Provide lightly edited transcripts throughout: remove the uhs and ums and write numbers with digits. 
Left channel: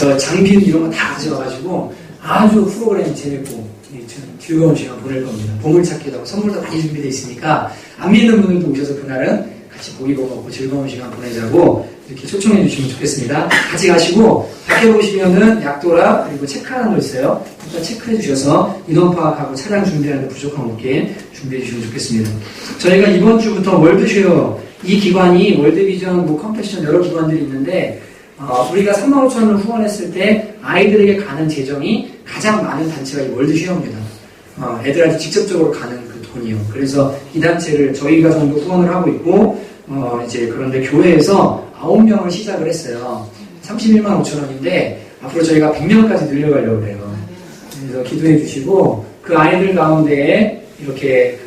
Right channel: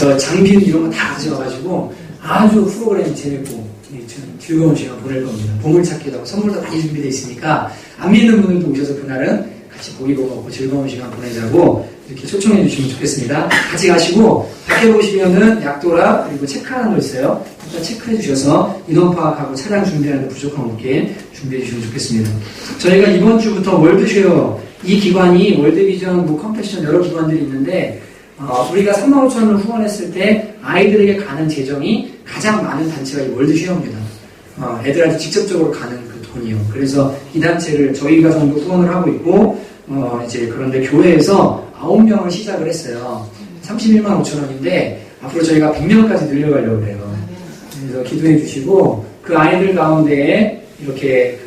그래서 장비는 이런 거 다 가져와가지고 아주 프로그램이 재밌고 즐거운 시간 보낼 겁니다. 보물찾기도 하고 선물도 많이 준비되어 있으니까 안 믿는 분들도 오셔서 그날은 같이 고기도 먹고 즐거운 시간 보내자고 이렇게 초청해 주시면 좋겠습니다. 같이 가시고 밖에 보시면은 약도라 그리고 체크하는 거 있어요. 일단 체크해 주셔서 인원 파악하고 차량 준비하는 데 부족함 없게 준비해 주시면 좋겠습니다. 저희가 이번 주부터 월드쉐어 이 기관이 월드비전, 컴패션 여러 기관들이 있는데 우리가 35,000원을 후원했을 때 아이들에게 가는 재정이 가장 많은 단체가 이 월드쉐어입니다. 애들한테 직접적으로 가는 그 돈이요. 그래서 이 단체를 저희가 정도 후원을 하고 있고 이제 그런데 교회에서 9명을 시작을 했어요. 31만 5천 원인데 앞으로 저희가 100명까지 늘려가려고 해요. 그래서 기도해 주시고 그 아이들 가운데에 이렇게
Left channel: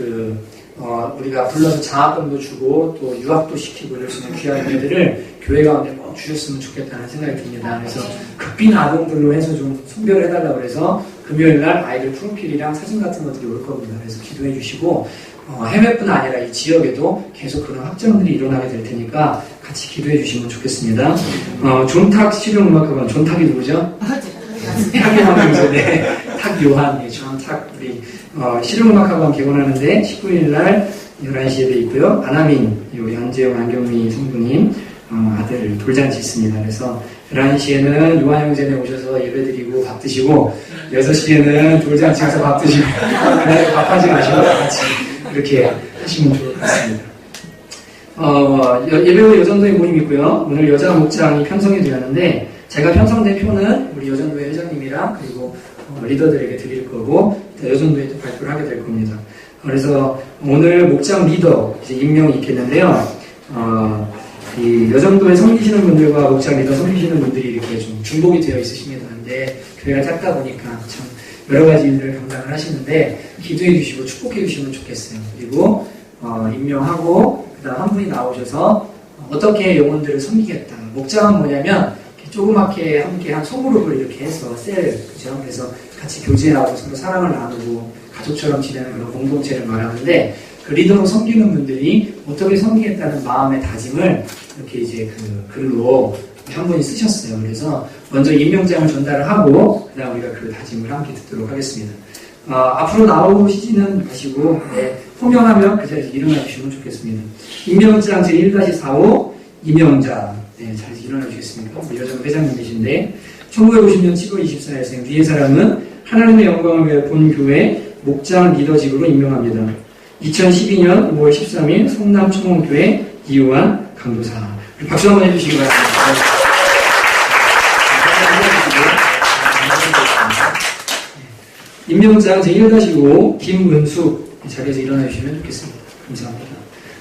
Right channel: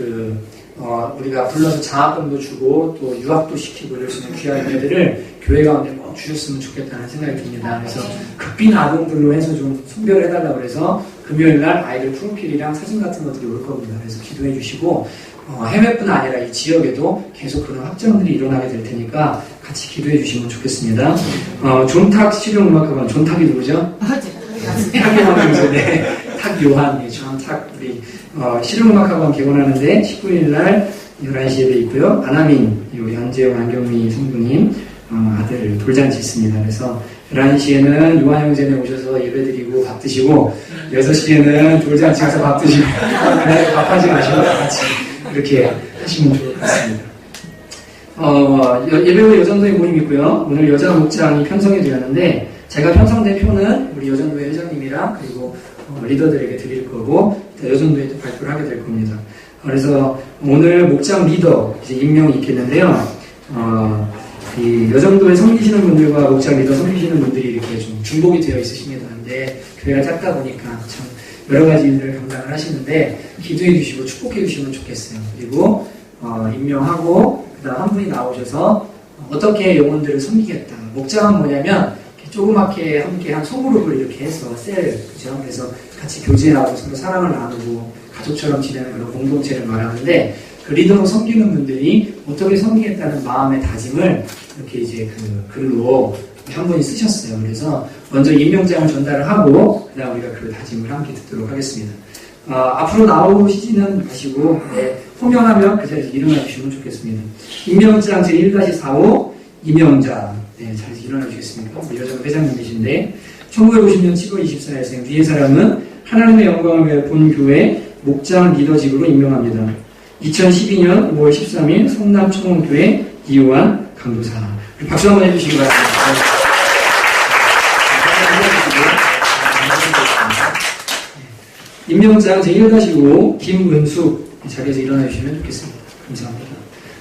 우리가 불러서 장학금도 주고 또 유학도 시키고 이럴 수 있는 귀한 애들을 교회 가운데 꼭 주셨으면 좋겠다는 생각이 듭니다. 그래서 극빈 아동들로 해서 좀 선별을 해달라고 해서 금요일날 아이들 프로필이랑 사진 같은 것들이 올 겁니다. 그래서 기도해 주시고 해외뿐 아니라 이 지역에도 계속 그런 확장들이 일어나게 될 테니까 같이 기도해 주시면 좋겠습니다. 존탁 실용음악학원, 존탁이 누구죠? 탁요한 탁요한, 존탁 우리 실용음악학원 개원하는데 19일날 11시에 돼 있고요. 안하민, 우리 안재영, 안경미 성부님 아들 돌잔치 있습니다. 그래서 11시에는 요한형제네 오셔서 예배드리고 밥 드시고 6시에는 돌잔치 가서 밥 드시고 그날 밥하지 마시고 같이 이렇게 하시면 좋을 것 같습니다. 예배 후 여전도회 모임 있고요. 오늘 여자 목장이 편성이 되었는데 제가 편성된 표는 우리 여전도회 회장님이랑 그리고 리더들에게 드릴 거고 여전도회 때 발표를 하게 될 겁니다. 그래서 오늘 목장 리더 이제 임명이 있겠는데요. 이 여전도에 섬기시는 분들과 목장 리더 섬기시는 분들이 이렇게 좀 중복이 되어 있으십니다. 근데 교회가 작다 보니까 참 여러 가지 일들을 감당을 하시는데 기도해 주시고 축복해 주시면 좋겠어요. 그리고 임명하고 그다음 한 분이 나오셔서 어떻게 영혼들을 섬기겠다. 목장은 뭐냐면 조그맣게 함께 한 소그룹을 이렇게 해서 그죠? 그래서 같이 교제하고 서로 사랑을 나누고 가족처럼 지내는 그런 공동체를 말하는데 그 리더로 섬기는 분들이 어떻게 섬기겠다는 마음의 다짐을 이렇게 이제 글로 한 분이 쓰셨어요. 그래서 먼저 임명장을 전달을 하고 그다음 우리가 그 다짐을 함께 듣도록 하겠습니다. 앞으로 나오시지는 마시고 호명하면 그 자리에서 일어나 주시면 좋겠습니다. 임명장 제1-45 임명자 자리에서 일어나 주시겠습니까? 우리 여전 회장님이신데 1950년 7월 24일생 위의 사람은 하나님의 영광을 위해 본교회 목장 리더직으로 임명합니다. 2012년 5월 13일 성남청원교회 이요한 강도사. 박수 한번 해주시기 바랍니다. 임명장 제1-5 김은숙 자리에서 일어나 주시면 좋겠습니다. 감사합니다.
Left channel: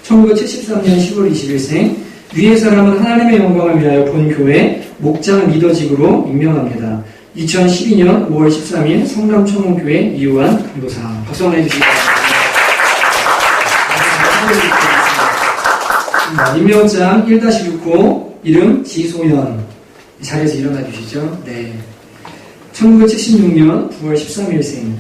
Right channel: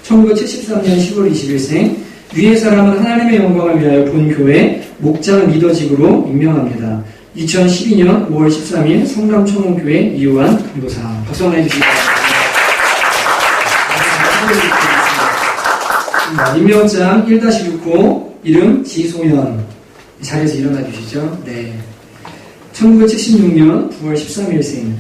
1973년 10월 20일생 위의 사람은 하나님의 영광을 위하여 본교회 목장 리더직으로 임명합니다. 2012년 5월 13일 성남청원교회 이요한 강도사. 박수 한번 해주시기 바랍니다. 임명장 1-6호 이름 지소연 자리에서 일어나 주시죠. 네. 1976년 9월 13일생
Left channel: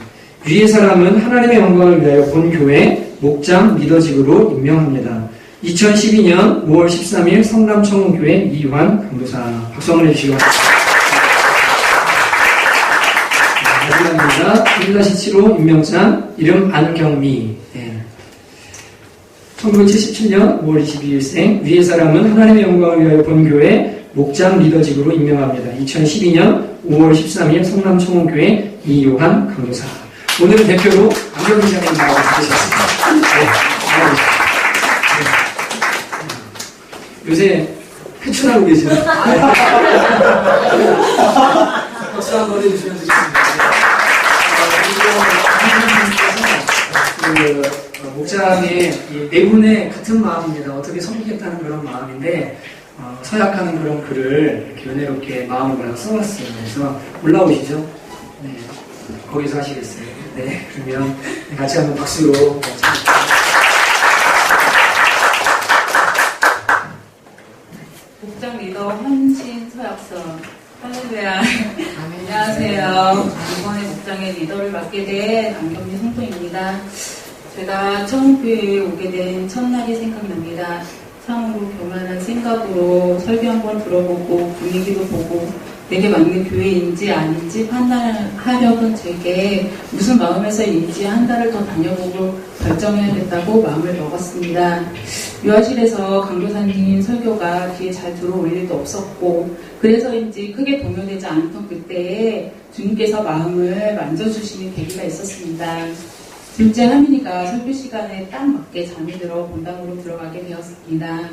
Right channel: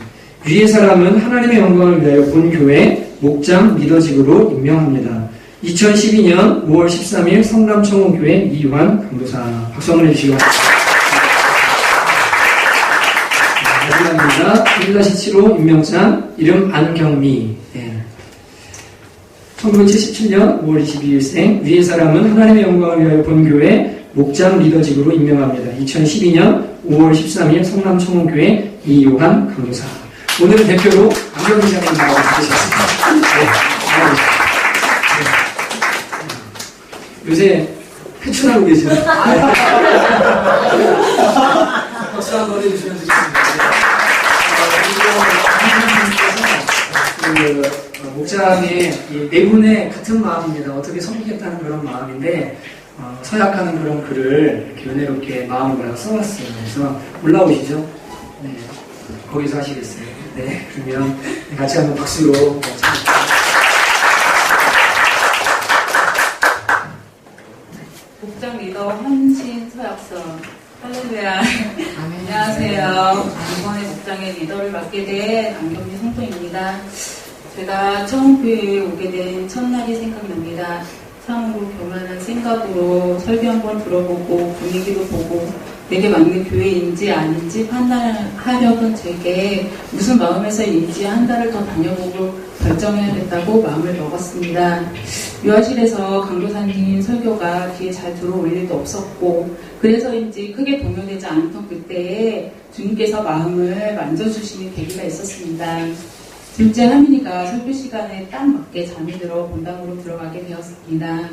위의 사람은 하나님의 영광을 위하여 본교회 목장 리더직으로 임명합니다. 2012년 5월 13일 성남청원교회 이유한 강도사. 박수 한번 해주시기 바랍니다. 1-7호 임명장 이름 안경미. 1977년 5월 22일생 위의 사람은 하나님의 영광을 위하여 본교회 목장 리더직으로 임명합니다. 2012년 5월 13일 성남청원교회 이요한 강도사. 오늘은 대표로 안경미 장님 나와서 계셨습니다. 요새 회춘하고 계시나요? 박수 한번 해주시면 되겠습니다. 목장의 네 분의 같은 마음입니다. 어떻게 섬기겠다는 그런 마음인데 서약하는 그런 글을 이렇게 은혜롭게 마음을 써왔어요. 그래서 올라오시죠? 네, 거기서 하시겠어요? 네, 그러면 같이 한번 박수로 목장 리더 헌신 서약서. 할렐루야. 안녕하세요. 이번에 목장의 리더를 맡게 된 안경미 성도입니다. 제가 처음 교회에 오게 된 첫날이 생각납니다. 참으로 교만한 생각으로 설교 한번 들어보고 분위기도 보고 내게 맞는 교회인지 아닌지 판단하려던 제게 무슨 마음에서인지 한 달을 더 다녀보고 결정해야겠다고 마음을 먹었습니다. 유아실에서 강도사님 설교가 귀에 잘 들어올 일도 없었고 그래서인지 크게 동요되지 않던 그때에 주님께서 마음을 만져주시는 계기가 있었습니다. 둘째 하민이가 설교 시간에 딱 맞게 잠이 들어 본당으로 들어가게 되었습니다.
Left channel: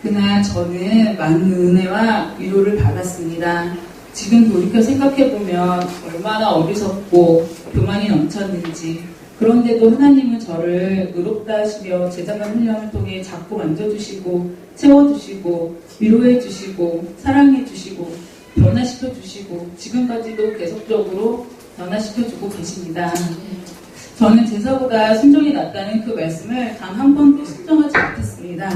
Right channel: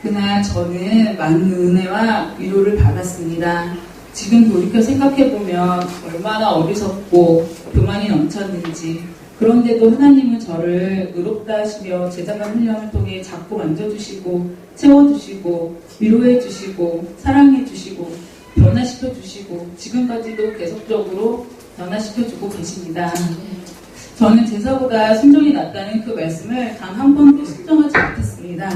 그날 저는 많은 은혜와 위로를 받았습니다. 지금 돌이켜 생각해보면 얼마나 어리석고 교만이 넘쳤는지, 그런데도 하나님은 저를 의롭다 하시며 제자간 훈련을 통해 자꾸 만져주시고 채워주시고 위로해주시고 사랑해주시고 변화시켜주시고 지금까지도 계속적으로 변화시켜주고 계십니다. 저는 제사보다 순종이 낫다는 그 말씀을 단 한 번도 순종하지 못했습니다.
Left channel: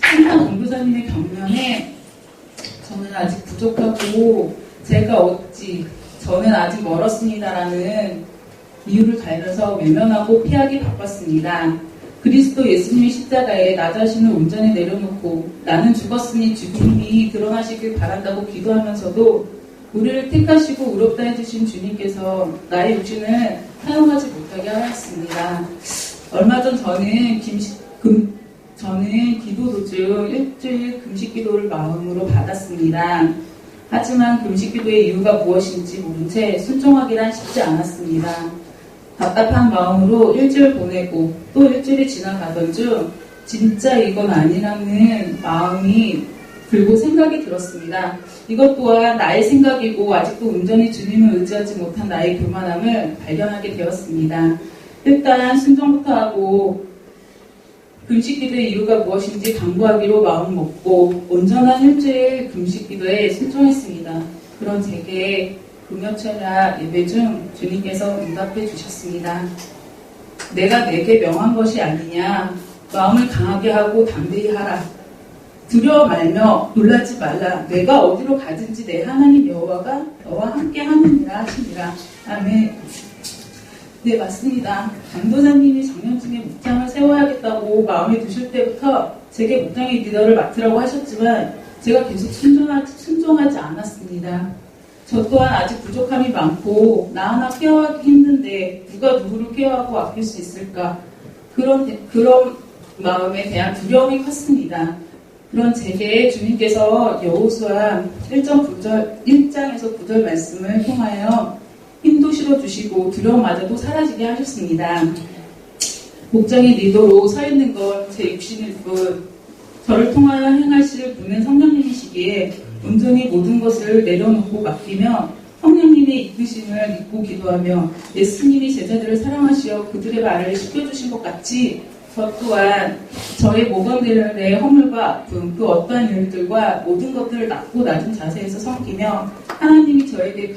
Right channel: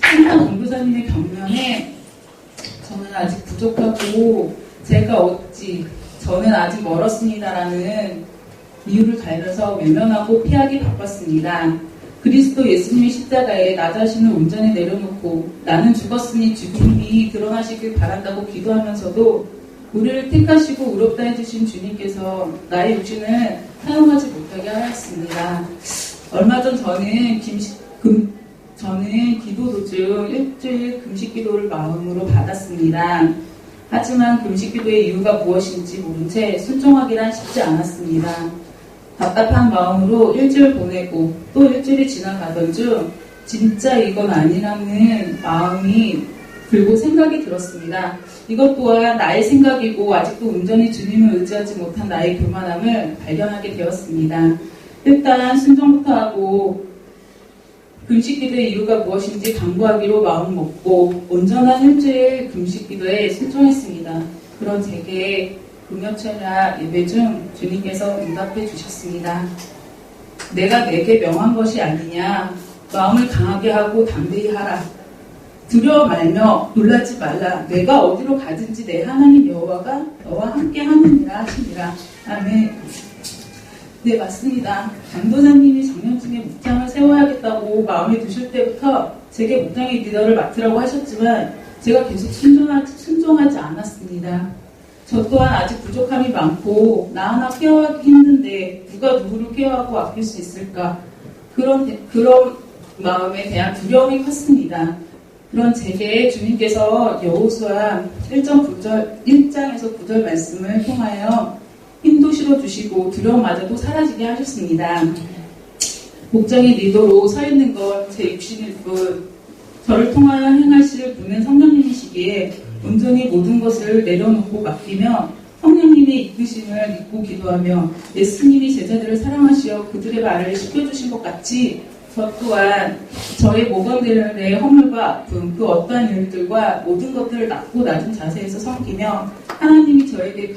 항상 공교사님의 격려에 저는 아직 부족하고 제가 어찌 저는 아직 멀었습니다라는 이유를 달면서 외면하고 피하기 바빴습니다. 그리스도 예수님의 십자가에 나 자신을 온전히 내려놓고 나는 죽었으니 죽음이 드러나시길 바란다고 기도하면서도 우리를 택하시고 의롭다 해주신 주님께서 나의 육신을 사용하지 못하게 하였습니다. 얼마 전 저는 기도 도중 일주일 금식 기도를 마음으로 받았습니다. 하지만 금식 기도의 이유가 무엇인지 모른 채 순종하기란 쉽지 않았습니다. 답답한 마음으로 일주일 보내고 또 일주일이 지나가던 중 진짜 이건 아니라는 마음이 들고 생각이 들었습니다. 이것 또한 나의 생각이고 아직도 온전히 주님을 의지하지 못한 나의 교만함을 발견하게 되었습니다. 일단 순종부터 하고 금식기도의 이유가 무엇인지 강구하기로 마음먹고 온전한 일주일 금식기도에 순종했습니다. 그런 제게 금요철야 예배 중 주님께서 응답해 주셨습니다. 내가 내게 명한 것이 아니냐. 마음을 강하게 하고 담대히 하라. 두려워 말며 놀라지 말라. 내가 어디로 가든지 내 하나님 여호와가 너와 함께 하느니라 하시니라. 아멘. 네, 맞습니다. 강도사님이 작년쯤에 목장을 세워야겠다고 마음에 드실 때부터 제게 목장의 리더를 맡으라고 하셨지만 제가 계속 순종하지 않았습니다. 저 또한 아직 부족함이 많고 나 하나 케어하기 힘든데 누가 누구를 케어하고 아낄 수 있을까? 그런 마음에 대한 두려움이 컸습니다. 그런 제게 주님께서 여호수아 1장에서 9절 말씀을 통하여 힘도 실어주시고 두려움마저도 사라지게 하셨습니다. 목장의 리더로 서 있는 건 제 육신일 뿐 저를 통하여 행하실 분은 성령님이시기에 온전히 모든 것을 내려놓고 맡기며 성령님의 이끄심을 믿고 기도하며 예수님이 제자들을 사랑하시어 그들의 말을 시켜주신 것 같이 저 또한 저의 모범들의 허물과 아픔, 그 어떠한 일들과 모든 것들을 낮고 낮은 자세에서 섬기며 하나님이 저에게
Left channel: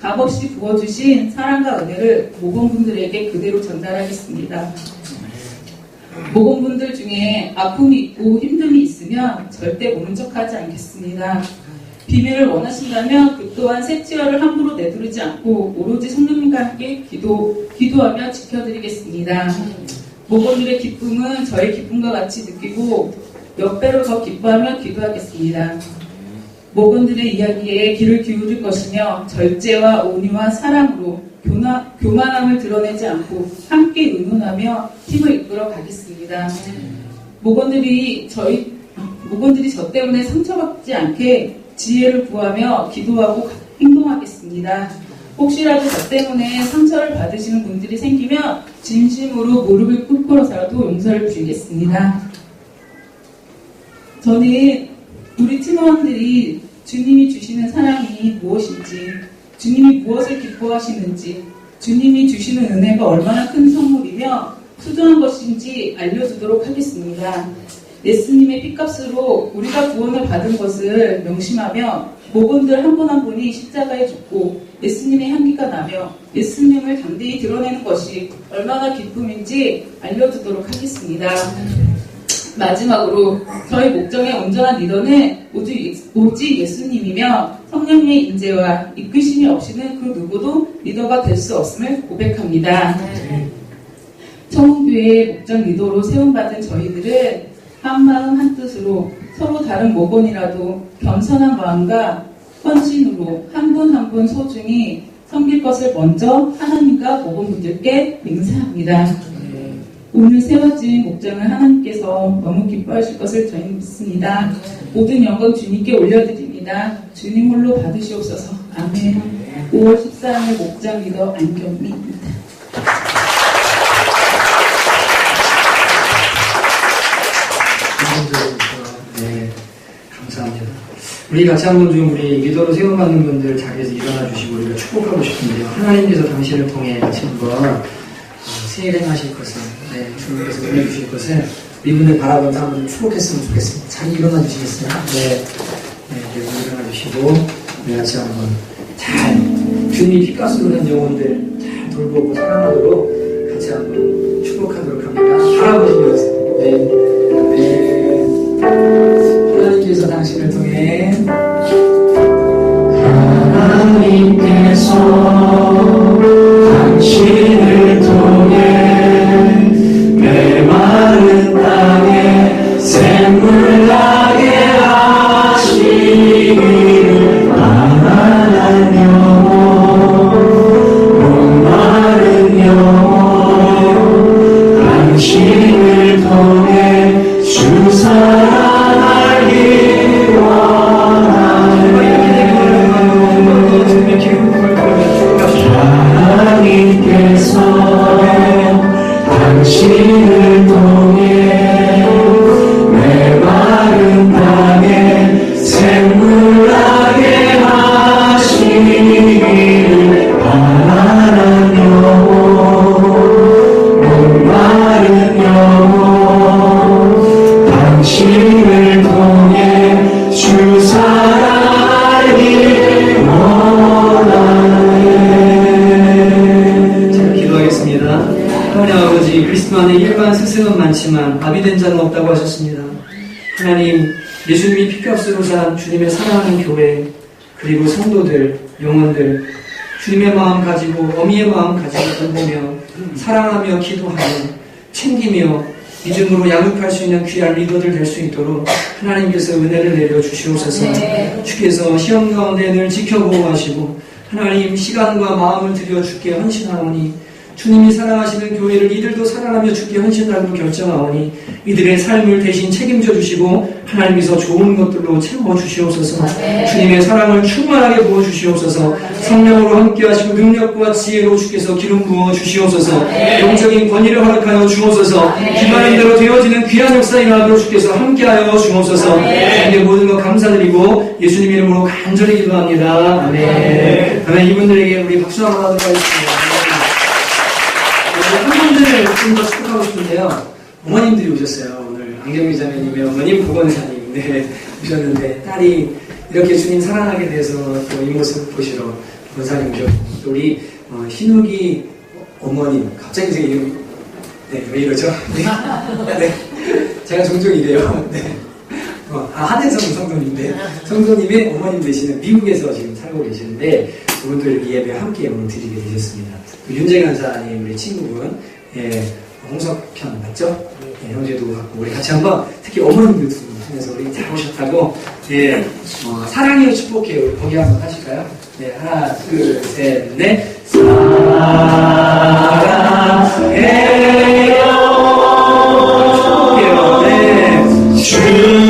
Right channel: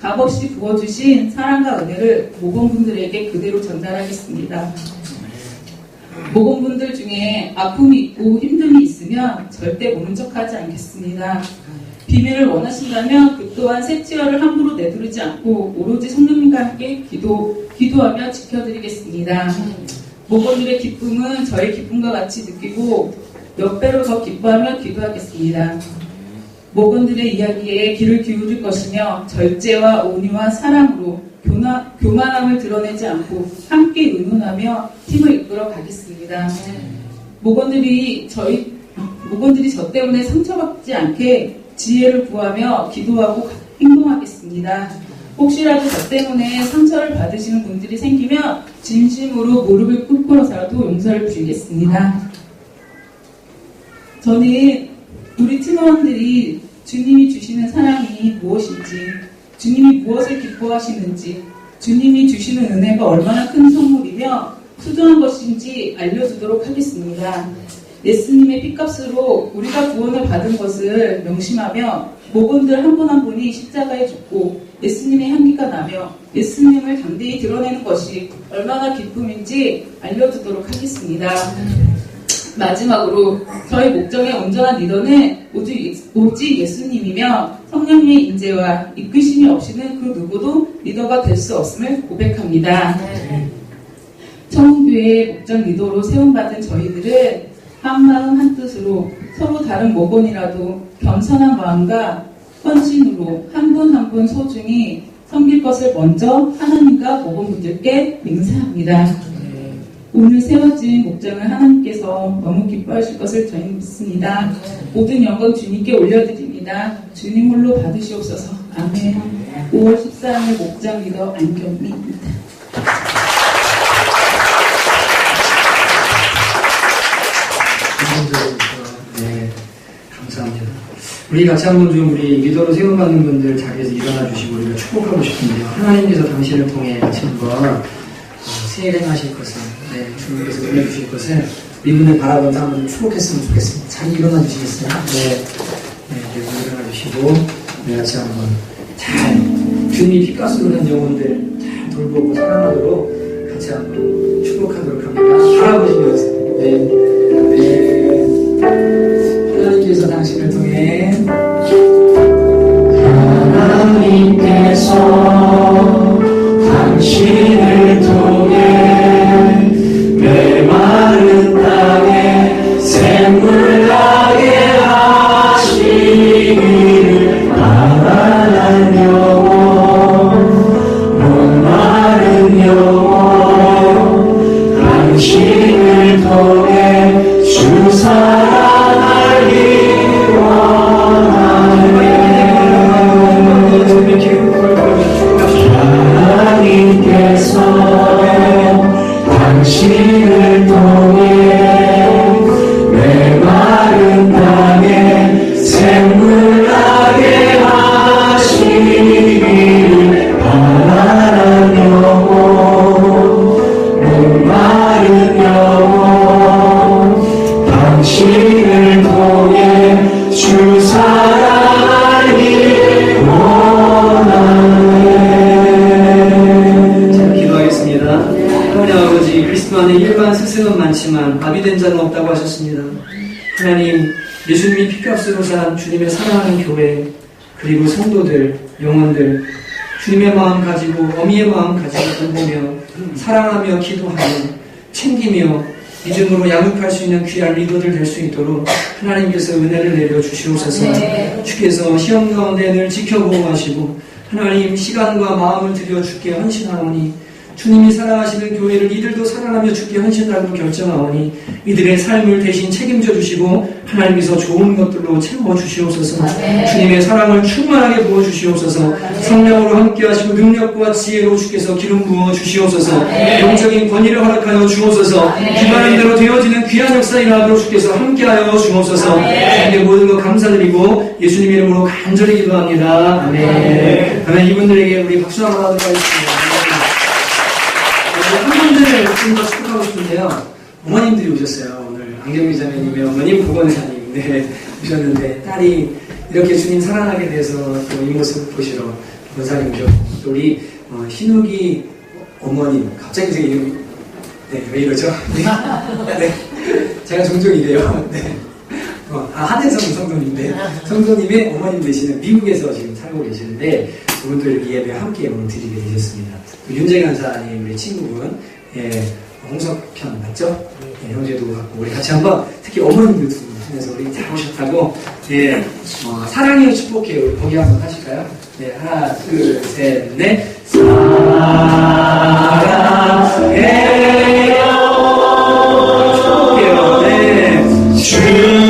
값없이 부어주신 사랑과 은혜를 모범분들에게 그대로 전달하겠습니다. 모범분들 중에 아픔이 있고 힘듦이 있으면 절대 모른 척하지 않겠습니다. 비밀을 원하신다면 그 또한 셋째어를 함부로 내두르지 않고 오로지 성령님과 함께 기도하며 지켜드리겠습니다. 모범들의 기쁨은 저의 기쁨과 같이 느끼고 몇 배로 더 기뻐하며 기도하겠습니다. 모범들의 이야기에 귀를 기울일 것이며 절제와 온유와 사랑으로 교만함을 드러내지 않고 함께 의논하며 팀을 이끌어 가겠습니다. 모범들이 저 때문에 상처받지 않게 지혜를 구하며 기도하고 행동하겠습니다. 혹시라도 저 때문에 상처를 받으시는 분들이 생기면 진심으로 무릎을 꿇고서라도 용서를 드리겠습니다. 저는 우리 팀원들이 주님이 주시는 사랑이 무엇인지, 주님이 무엇을 기뻐하시는지, 주님이 주시는 은혜가 얼마나 큰 선물이며 소중한 것인지 알려주도록 하겠습니다. 예수님의 피값으로 우리가 구원을 받은 것을 명심하며 모범들 한 분 한 분이 십자가에 죽고 예수님의 향기가 나며 예수님을 담대히 드러내는 것이 얼마나 기쁨인지 알려주도록 하겠습니다. 마지막으로 저희 목장의 온전한 리더는 오직 예수님이며 성령님의 인재와 이끄심이 없이는 그 누구도 리더가 될 수 없음을 고백합니다. 청운교회 목장 리더로 세움받은 저희들은 한마음 한뜻으로 서로 다른 모건이라도 겸손한 마음과 헌신으로 한 분 한 분 소중히 섬길 것을 먼저 하나님과 모건분들께 맹세합니다. 오늘 세워진 목장을 하나님께서 너무 기뻐하실 것을 저희 믿습니다. 모든 영광 주님께 올려드립니다. 주님 홀로 받으시옵소서. 아멘. 5월 14일 목장 리더 안경미입니다. 네, 감사합니다. 우리 같이 한번 좀 우리 리더로 세움받는 분들 자리에서 일어나 주시고 우리가 축복하고 싶은데요. 하나님께서 당신을 통해 같이 한번 새 일 행하실 것을, 주님께서 은혜 주실 것을 이분을 바라보면서 한번 축복했으면 좋겠습니다. 자리 일어나 주시겠어요? 네, 일어나 주시고 우리 같이 한번 잘 주님이 핏가스로 된 영혼들 잘 돌보고 사랑하도록 같이 한번 축복하도록 합니다. 바라보시면서 하나님께서 당신을 통해 메마른 땅에 샘물 나게 하시기를 가난한 영혼 목마른 영혼 당신을 통해 주 사랑하기 원하네 하나님께서 당신을 통해 메마른 땅에 샘물 나게 하시기를 가난한 영혼 목마른 영혼 당신을 통해 주 사랑하기 원하네. 자, 기도하겠습니다. 하나님 아버지, 그리스도 안에 일반 스승은 많지만 아비된 자는 없다고 하셨습니다. 하나님, 예수님이 핏값으로 산 주님의 사랑하는 교회, 그리고 성도들, 영혼들, 주님의 마음 가지고 어미의 마음 가지고 돌보며 사랑하며 기도하며 챙기며 믿음으로 양육할 수 있는 귀한 리더들 될 수 있도록 하나님께서 은혜를 내려 주시옵소서. 주께서 시험 가운데 늘 지켜보호하시고 하나님 시간과 마음을 들여 주께 헌신하오니 주님이 사랑하시는 교회를 이들도 사랑하며 주께 헌신하기로 결정하오니 이들의 삶을 대신 책임져 주시고 하나님께서 좋은 것들로 채워 주시옵소서. 주님의 사랑을 충만하게 부어 주시옵소서. 성령으로 함께 하시고 능력과 지혜로 주께서 기름 부어 주시옵소서. 영적인 권위를 허락하여 주옵소서. 기만한 대로 되어지는 귀한 역사 일어나도록 주께서 함께하여 주옵소서. 주님의 모든 것 감사드리고 예수님 이름으로 간절히 기도합니다. 아멘. 아멘. 이분들에게 우리 박수 한번 하도록 하겠습니다. 한 분들을 좀 더 축복하고 싶은데요. 어머님들이 오셨어요. 오늘 안경미 자매님의 어머님 보건사님 오셨는데 딸이 이렇게 주님 사랑하게 돼서 또 이 모습 보시러 보건사님 오셨고 또 우리 신욱이 어머님 갑자기 제 이름이 왜 이러죠? 네. 제가 종종 이래요. 네. 한혜성 성도님인데 성도님의 어머님 되시는 미국에서 지금 살고 계시는데 그분들 예배 함께 오늘 드리게 되셨습니다. 윤재 간사님 우리 친구분 홍석현 맞죠? 형제도 갖고 우리 같이 한번 특히 어머님들 두 분 통해서 우리 잘 오셨다고 사랑해요 축복해요 우리 거기 한번 하실까요? 네 하나 둘 셋 넷 사랑해요 축복해요 네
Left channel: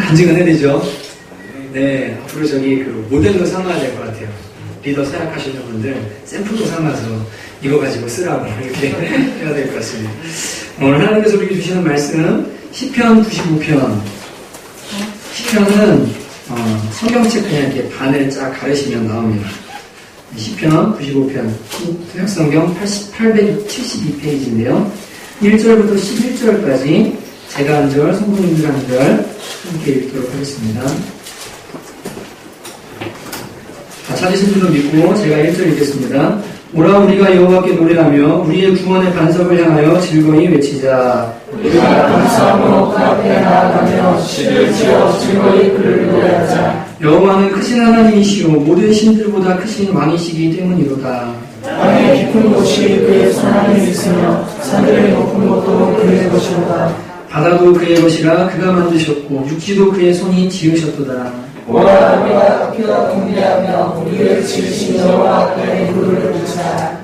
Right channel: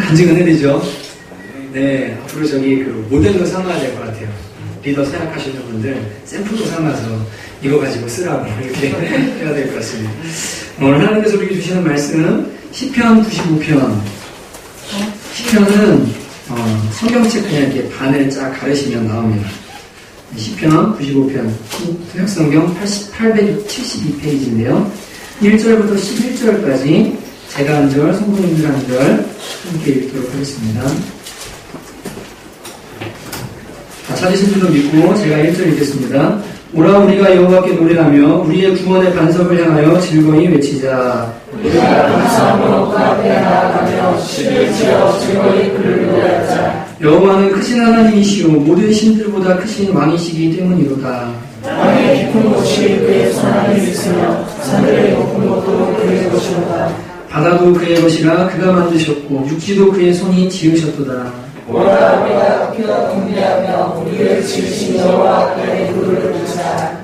간증 은혜되죠? 네, 앞으로 그 모델로 삼아야 될 것 같아요. 리더 생각하시는 분들 샘플로 삼아서 이거 가지고 쓰라고 이렇게 해야 될 것 같습니다. 오늘 하나님께서 우리에게 주시는 말씀 시편 95편. 시편은 성경책 그냥 이렇게 반을 쫙 가르시면 나옵니다. 시편 95편 구약성경 872페이지인데요. 1절부터 11절까지 제가 한 절, 성도님들 한 절 함께 읽도록 하겠습니다. 찾으신 줄로 믿고 제가 1절 읽겠습니다. 오라 우리가 여호와께 노래하며 우리의 구원의 반석을 향하여 즐거이 외치자. 우리가 감사함으로 그 앞에 나아가며 시를 지어 즐거이 그를 노래하자. 여호와는 크신 하나님이시오 모든 신들보다 크신 왕이시기 때문이로다. 땅의 깊은 곳이 그의 손안에 있으며 산들의 높은 곳도 그의 것이로다. 바다도 그의 것이라 그가 만드셨고 육지도 그의 손이 지으셨도다. 오라 우리가 학교와 공개하며 우리를 지으신 여호와 앞에 무릎을 꿇자.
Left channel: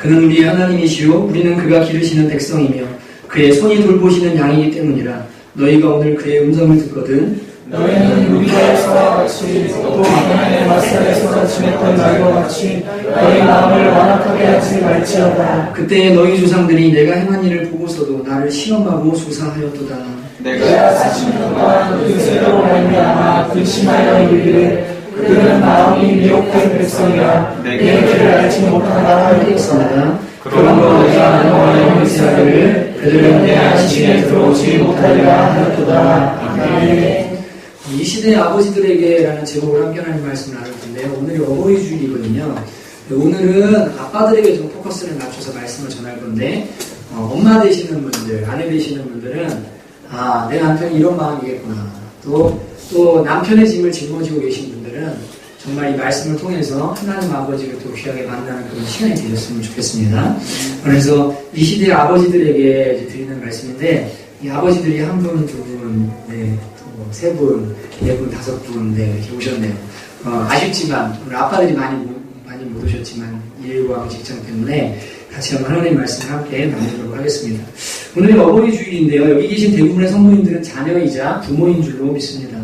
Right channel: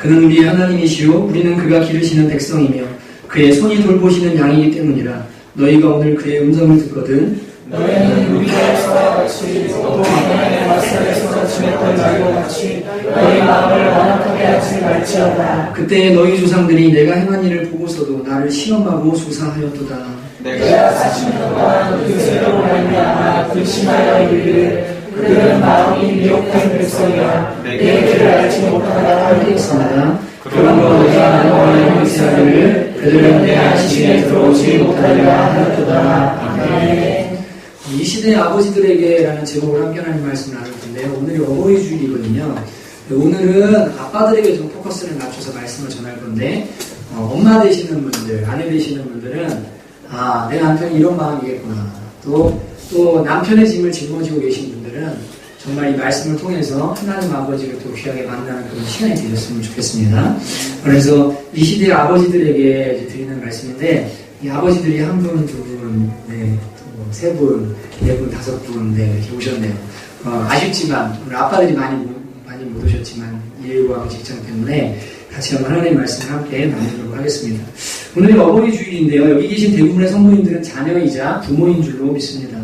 그는 우리의 하나님이시오 우리는 그가 기르시는 백성이며 그의 손이 돌보시는 양이기 때문이라. 너희가 오늘 그의 음성을 듣거든 너희는 우리가에서와 같이 또 하나님의 말씀에서 지냈던 날과 같이 너희 마음을 완악하게 하지 말지어다. 그때 너희 조상들이 내가 행한 일을 보고서도 나를 시험하고 조사하였도다. 내가 40년 동안 그 세대로 말미암아 근심하여 이르기를 그들은 마음이 미혹된 백성이라 내 길을 알지 못한다 하였습니다. 그러므로 내가 너와의 형제를 그들은 내 안식에 들어오지 못하리라 하였도다. 아멘. 이 시대의 아버지들에게라는 제목으로 함께 하나님 말씀을 나눌 텐데요. 오늘이 어버이 주일이거든요. 오늘은 아빠들에게 좀 포커스를 맞춰서 말씀을 전할 건데 엄마 되시는 분들, 아내 되시는 분들은 내 남편이 이런 마음이겠구나. 또 남편의 짐을 짊어지고 계신 분들은 정말 이 말씀을 통해서 하나님 아버지를 또 귀하게 만나는 그런 시간이 되셨으면 좋겠습니다. 그래서 이 시대의 아버지들에게 이제 드리는 말씀인데 이 아버지들이 한 분, 두 분, 세 분, 네 분, 다섯 분, 이렇게 오셨네요. 아쉽지만, 오늘 아빠들이 많이 못 오셨지만, 일과 직장 때문에 같이 한번 하나님의 말씀을 함께 나누도록 하겠습니다. 오늘이 어버이 주일인데요. 여기 계신 대부분의 성도님들은 자녀이자 부모인 줄로 믿습니다.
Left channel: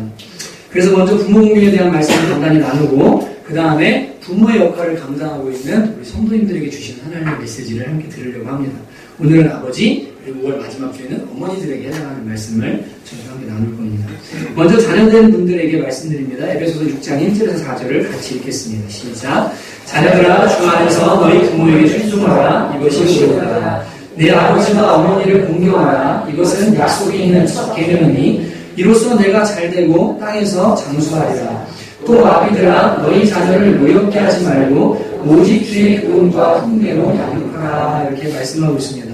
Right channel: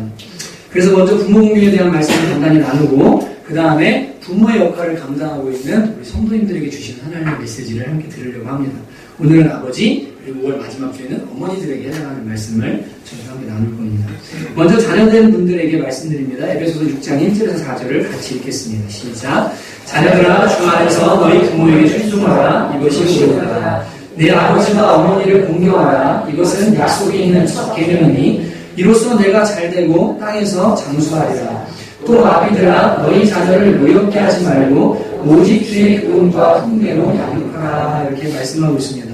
그래서 먼저 부모 공경에 대한 말씀을 간단히 나누고, 그 다음에 부모의 역할을 감당하고 있는 우리 성도님들에게 주시는 하나님의 메시지를 함께 들으려고 합니다. 오늘은 아버지, 그리고 5월 마지막 주에는 어머니들에게 해당하는 말씀을 저희가 함께 나눌 겁니다. 먼저 자녀된 분들에게 말씀드립니다. 에베소서 6장 1절에서 4절을 같이 읽겠습니다. 시작. 자녀들아 주 안에서 너희 부모에게 순종하라. 이것이 옳다. 내 아버지와 어머니를 공경하라. 이것은 약속이 있는 첫 계명이니 이로써 내가 잘되고 땅에서 장수하리라. 또 아비들아 너희 자녀를 노엽게 하지 말고 오직 주의 교훈과 훈계로 양육하라. 이렇게 말씀하고 있습니다.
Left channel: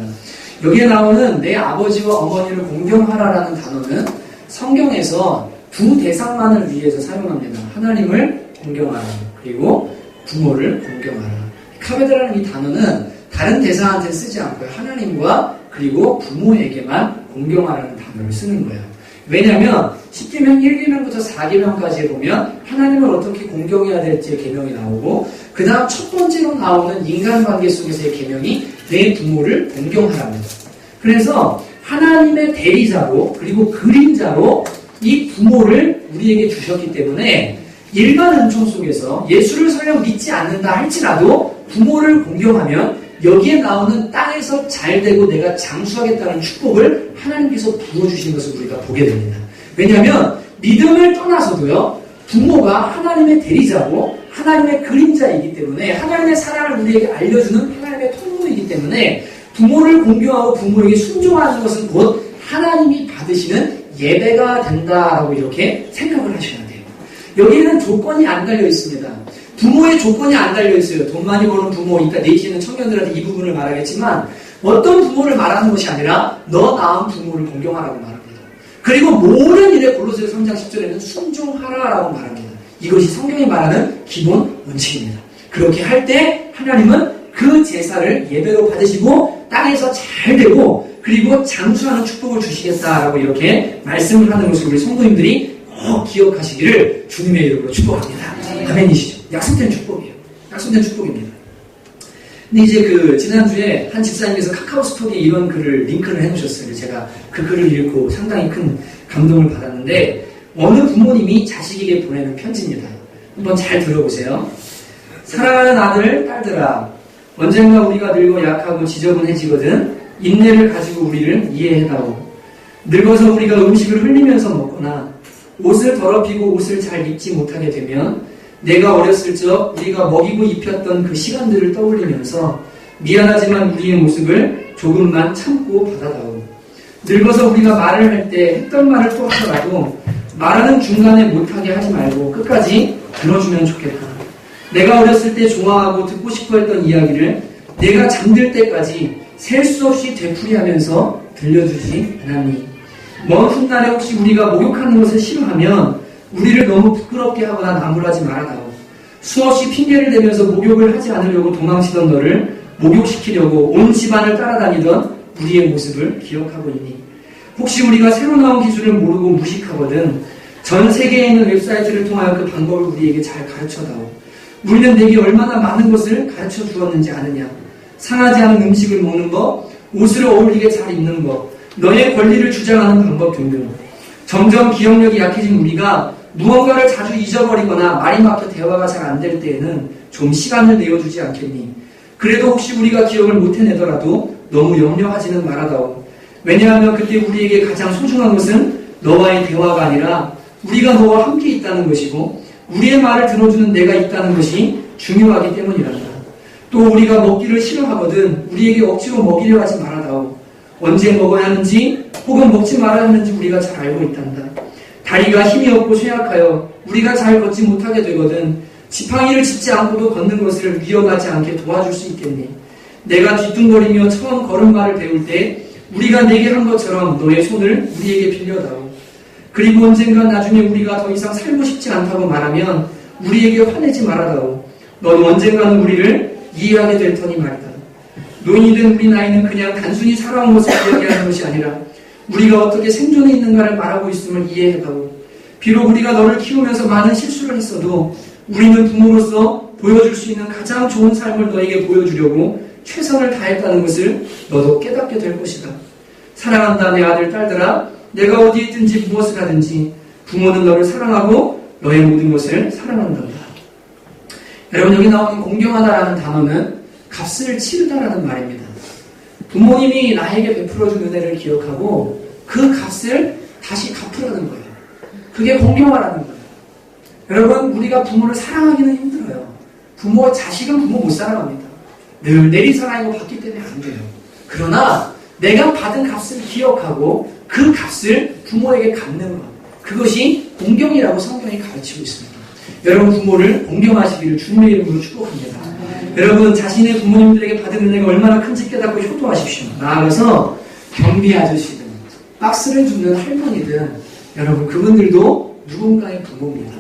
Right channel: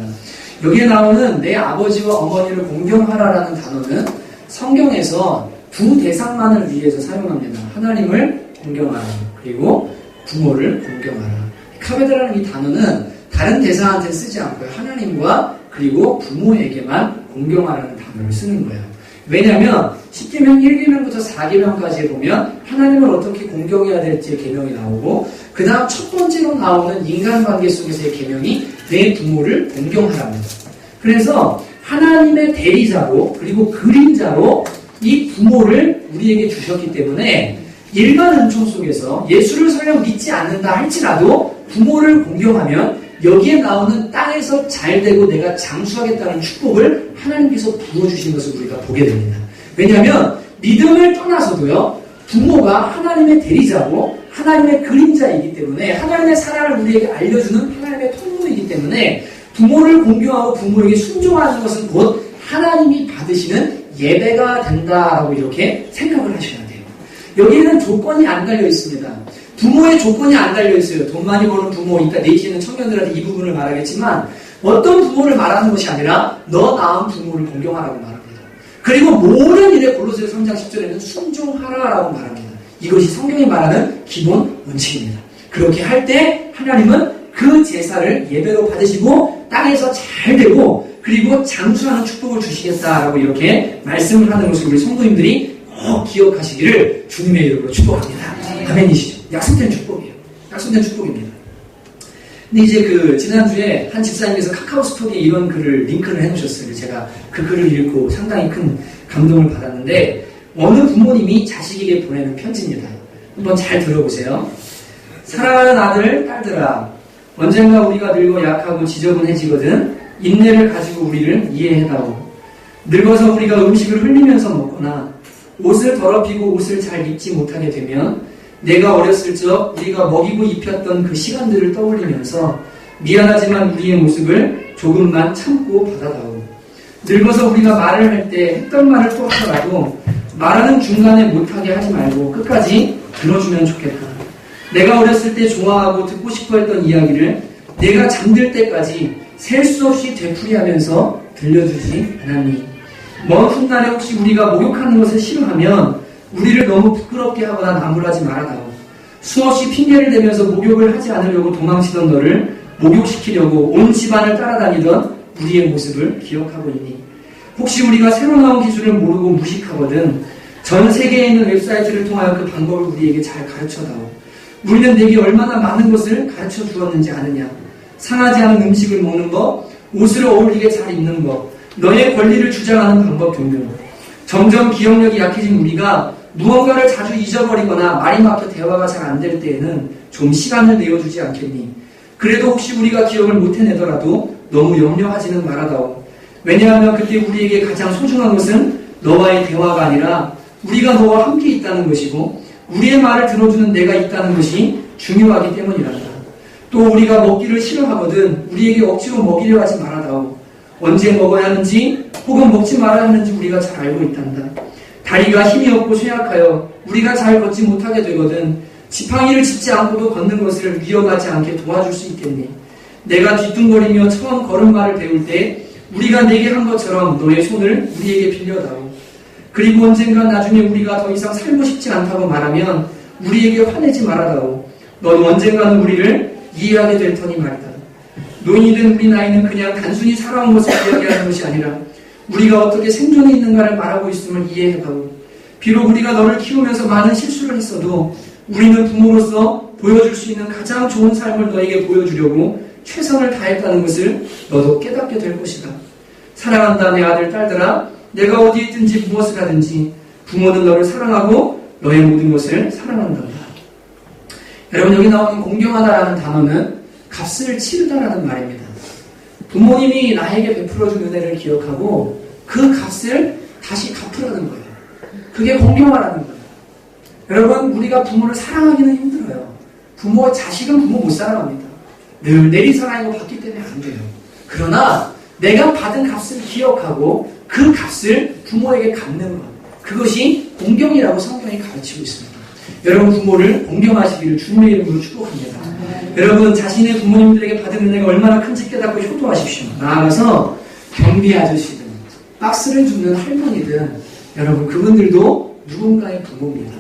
여기에 나오는 내 아버지와 어머니를 공경하라라는 단어는 성경에서 두 대상만을 위해서 사용합니다. 하나님을 공경하라. 그리고 부모를 공경하라. 카베드라는 이 단어는 다른 대상한테 쓰지 않고요. 하나님과 그리고 부모에게만 공경하라는 단어를 쓰는 거예요. 왜냐하면 10계명 1계명부터 4계명까지에 보면 하나님을 어떻게 공경해야 될지의 계명이 나오고 그 다음 첫 번째로 나오는 인간관계 속에서의 계명이 내 부모를 공경하랍니다. 그래서 하나님의 대리자로 그리고 그림자로 이 부모를 우리에게 주셨기 때문에 일반 은총 속에서 예수를 설령 믿지 않는다 할지라도 부모를 공경하면 여기에 나오는 땅에서 잘되고 내가 장수하겠다는 축복을 하나님께서 부어주신 것을 우리가 보게 됩니다. 왜냐하면 믿음을 떠나서도요 부모가 하나님의 대리자고 하나님의 그림자이기 때문에 하나님의 사랑을 우리에게 알려주는 하나님의 통로이기 때문에 부모를 공경하고 부모에게 순종하는 것은 곧 하나님이 받으시는 예배가 된다라고 이렇게 생각을 하셔야 돼요. 여기에는 조건이 안 달려 있습니다. 부모의 조건이 안 달려 있어요. 돈 많이 버는 부모, 이따 내지는 청년들한테 이 부분을 말하겠지만 어떤 부모를 말하는 것이 아니라 너 낳은 부모를 공경하라고 말합니다. 그리고 모든 일에 골로새서 3장 10절에는 순종하라라고 말합니다. 이것이 성경이 말하는 기본 원칙입니다. 그렇게 할 때 하나님은 그 제사를 예배로 받으시고 땅에서 잘 되고 그리고 장수하는 축복을 주시겠다라고 이렇게 말씀을 하는 것을 우리 성도님들이 꼭 기억하시기를 주님의 이름으로 축복합니다. 아멘이시죠? 약속된 축복이에요. 약속된 축복입니다. 근데 이제 지난주에 한 집사님께서 카카오 스토리에 이런 글을 링크를 해놓으셨어요. 제가 그 글을 읽고 상당히 큰 감동을 받았는데 어느 부모님이 자식에게 보내는 편지입니다. 한번 잘 들어보세요. 사랑하는 아들, 딸들아, 언젠가 우리가 늙어 약하고 지저분해지거든 인내를 가지고 우리를 이해해다오. 늙어서 우리가 음식을 흘리면서 먹거나 옷을 더럽히고 옷을 잘 입지 못하게 되면 내가 어렸을 적 우리가 먹이고 입혔던 그 시간들을 떠올리면서 미안하지만 우리의 모습을 조금만 참고 받아다오. 늙어서 우리가 말을 할 때 했던 말을 또 하더라도 말하는 중간에 못하게 하지 말고 끝까지 들어주면 좋겠다. 내가 어렸을 때 좋아하고 듣고 싶어 했던 이야기를 내가 잠들 때까지 셀 수 없이 되풀이하면서 들려주지 않았니? 먼 훗날에 혹시 우리가 목욕하는 것을 싫어하면 우리를 너무 부끄럽게 하거나 나무라지 말아다오. 수없이 핑계를 대면서 목욕을 하지 않으려고 도망치던 너를 목욕시키려고 온 집안을 따라다니던 우리의 모습을 기억하고 있니? 혹시 우리가 새로 나온 기술을 모르고 무식하거든 전 세계에 있는 웹사이트를 통하여 그 방법을 우리에게 잘 가르쳐다오. 우리는 내게 얼마나 많은 것을 가르쳐 주었는지 아느냐? 상하지 않은 음식을 먹는 법, 옷을 어울리게 잘 입는 법, 너의 권리를 주장하는 방법 등등. 점점 기억력이 약해진 우리가 무언가를 자주 잊어버리거나 말이 막혀 대화가 잘 안 될 때에는 좀 시간을 내어주지 않겠니? 그래도 혹시 우리가 기억을 못 해내더라도 너무 염려하지는 말아다오. 왜냐하면 그때 우리에게 가장 소중한 것은 너와의 대화가 아니라 우리가 너와 함께 있다는 것이고 우리의 말을 들어주는 내가 있다는 것이 중요하기 때문이란다. 또 우리가 먹기를 싫어하거든 우리에게 억지로 먹이려 하지 말아다오. 언제 먹어야 하는지 혹은 먹지 말아야 하는지 우리가 잘 알고 있단다. 다리가 힘이 없고 쇠약하여 우리가 잘 걷지 못하게 되거든 지팡이를 짚지 않고도 걷는 것을 위협하지 않게 도와줄 수 있겠니? 내가 뒤뚱거리며 처음 걸음마를 배울 때 우리가 내게 한 것처럼 너의 손을 우리에게 빌려다오. 그리고 언젠가 나중에 우리가 더 이상 살고 싶지 않다고 말하면 우리에게 화내지 말아다오. 넌 언젠가는 우리를 이해하게 될 터니 말이다. 노인이 된 우리 나이는 그냥 단순히 살아온 것을 이야기하는 것이 아니라 우리가 어떻게 생존해 있는가를 말하고 있음을 이해해다오. 비록 우리가 너를 키우면서 많은 실수를 했어도 우리는 부모로서 보여줄 수 있는 가장 좋은 삶을 너에게 보여주려고 최선을 다했다는 것을 너도 깨닫게 될 것이다. 사랑한다 내 아들 딸들아, 내가 어디에 있든지 무엇을 하든지 부모는 너를 사랑하고 너의 모든 것을 사랑한단다. 여러분, 여기 나오는 공경하다라는 단어는 값을 치르다라는 말입니다. 부모님이 나에게 베풀어준 은혜를 기억하고 그 값을 다시 갚으라는 거예요. 그게 공경하라는 거예요. 여러분, 우리가 부모를 사랑하기는 힘들어요. 자식은 부모 못 사랑합니다. 늘 내리사랑이고 받기 때문에 안 돼요. 그러나 내가 받은 값을 기억하고 그 값을 부모에게 갚는 것, 그것이 공경이라고 성경이 가르치고 있습니다. 여러분, 부모를 공경하시기를 주님의 이름으로 축복합니다. 여러분, 자신의 부모님들에게 받은 은혜가 얼마나 큰지 깨닫고 효도하십시오. 나아가서 경비 아저씨든 박스를 줍는 할머니든 여러분, 그분들도 누군가의 부모입니다.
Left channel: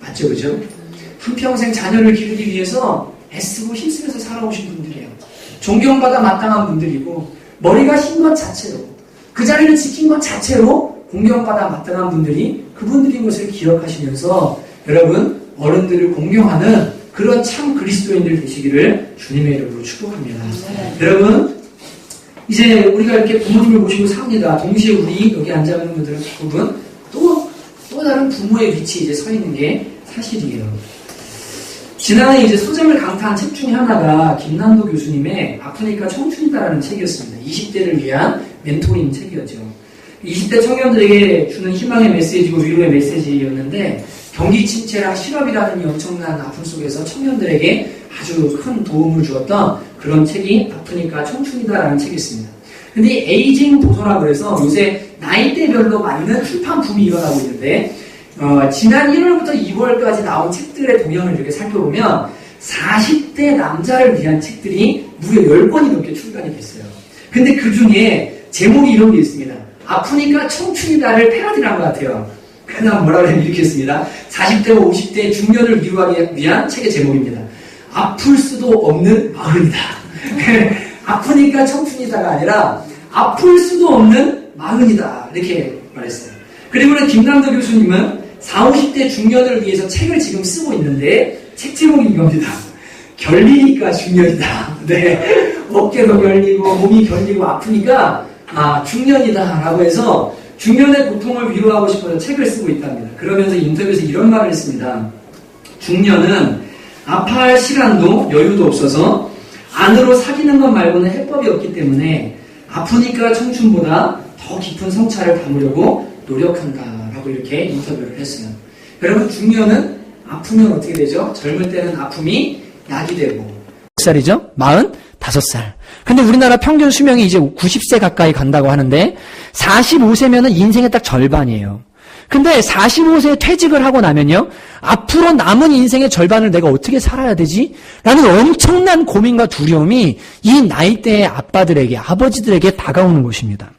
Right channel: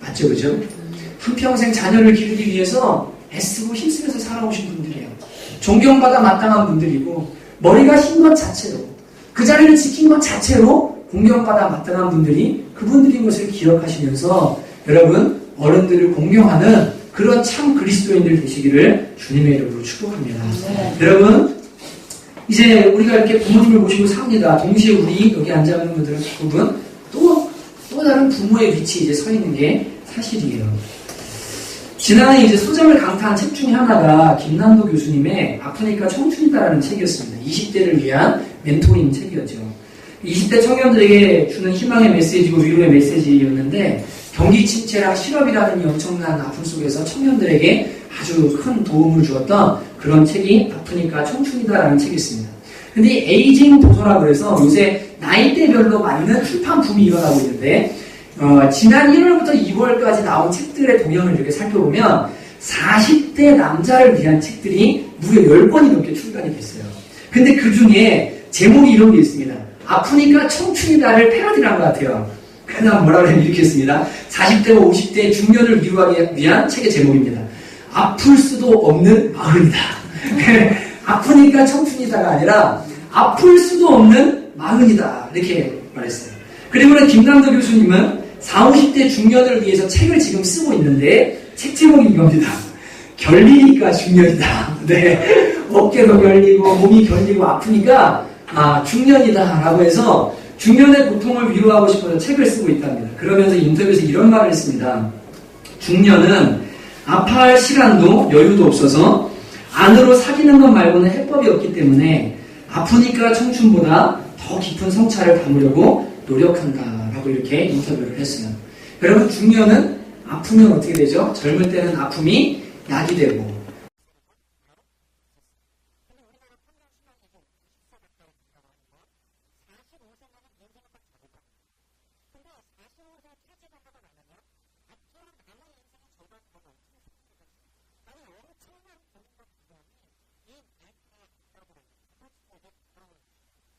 맞죠? 그죠? 한평생 자녀를 기르기 위해서 애쓰고 힘쓰면서 살아오신 분들이에요. 존경받아 마땅한 분들이고 머리가 흰 것 자체로 그 자리를 지킨 것 자체로 공경받아 마땅한 분들이 그분들인 것을 기억하시면서 여러분, 어른들을 공경하는 그런 참 그리스도인들 되시기를 주님의 이름으로 축복합니다. 네. 여러분, 이제 우리가 이렇게 부모님을 모시고 삽니다. 동시에 우리 여기 앉아있는 분들은 대부분 또 다른 부모의 위치에 이제 서 있는 게 사실이에요. 지난해 이제 소장을 강타한 책 중에 하나가 김남도 교수님의 아프니까 청춘이다라는 책이었습니다. 20대를 위한 멘토링 책이었죠. 20대 청년들에게 주는 희망의 메시지고 위로의 메시지였는데 경기 침체라 실업이라는 이 엄청난 아픔 속에서 청년들에게 아주 큰 도움을 주었던 그런 책이 아프니까 청춘이다라는 책이 있습니다. 근데 이 에이징 도서라고 해서 요새 나이대별로 맞는 출판 붐이 일어나고 있는데 지난 1월부터 2월까지 나온 책들의 동향을 이렇게 살펴보면 40대 남자를 위한 책들이 무려 10권이 넘게 출간이 됐어요. 근데 그 중에 제목이 이런 게 있습니다. 아프니까 청춘이다를 패러디한 것 같아요. 그냥 뭐라 그러면 이렇게 했습니다. 40대와 50대 중년을 위로하기 위한 책의 제목입니다. 아플 수도 없는 마흔이다. 아프니까 청춘이다가 아니라 아플 수도 없는 마흔이다. 이렇게 말했어요. 그리고는 김남도 교수님은 40, 50대 중년을 위해서 책을 지금 쓰고 있는데 책 제목이 이겁니다. 결리니까 중년이다. 네. 어깨도 결리고 몸이 결리고 아프니까 중년이다 라고 해서 중년의 고통을 위로하고 싶어서 책을 쓰고 있답니다. 그러면서 인터뷰에서 이런 말을 했습니다. 중년은 아파할 시간도 여유도 없어서 안으로 사귀는 것 말고는 해법이 없기 때문에 아프니까 청춘보다 더 깊은 성찰을 담으려고 노력한다라고 이렇게 인터뷰를 했어요. 여러분, 중년은 아프면 어떻게 되죠? 젊을 때는 아픔이 약이 되고. 몇 살이죠? 45살. 근데 우리나라 평균 수명이 이제 90세 가까이 간다고 하는데 45세면은 인생의 딱 절반이에요. 근데 45세에 퇴직을 하고 나면요, 앞으로 남은 인생의 절반을 내가 어떻게 살아야 되지? 라는 엄청난 고민과 두려움이 이 나이대의 아빠들에게, 아버지들에게 다가오는 것입니다.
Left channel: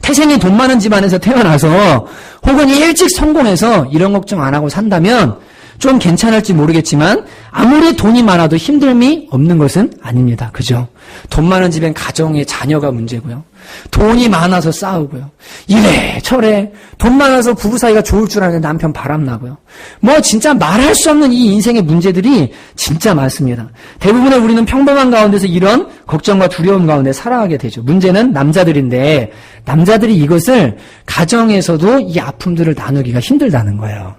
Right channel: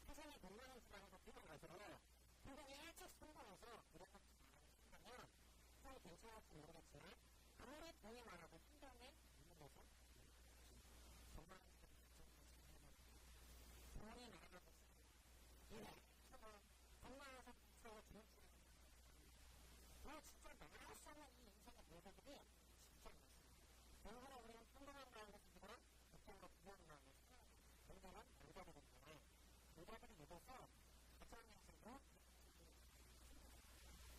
태생이 돈 많은 집안에서 태어나서 혹은 일찍 성공해서 이런 걱정 안 하고 산다면 좀 괜찮을지 모르겠지만 아무리 돈이 많아도 힘듦이 없는 것은 아닙니다. 그죠? 돈 많은 집엔 가정의 자녀가 문제고요. 돈이 많아서 싸우고요. 이래 저래 돈 많아서 부부 사이가 좋을 줄 아는데 남편 바람나고요. 뭐 진짜 말할 수 없는 이 인생의 문제들이 진짜 많습니다. 대부분의 우리는 평범한 가운데서 이런 걱정과 두려움 가운데 살아가게 되죠. 문제는 남자들인데 남자들이 이것을 가정에서도 이 아픔들을 나누기가 힘들다는 거예요.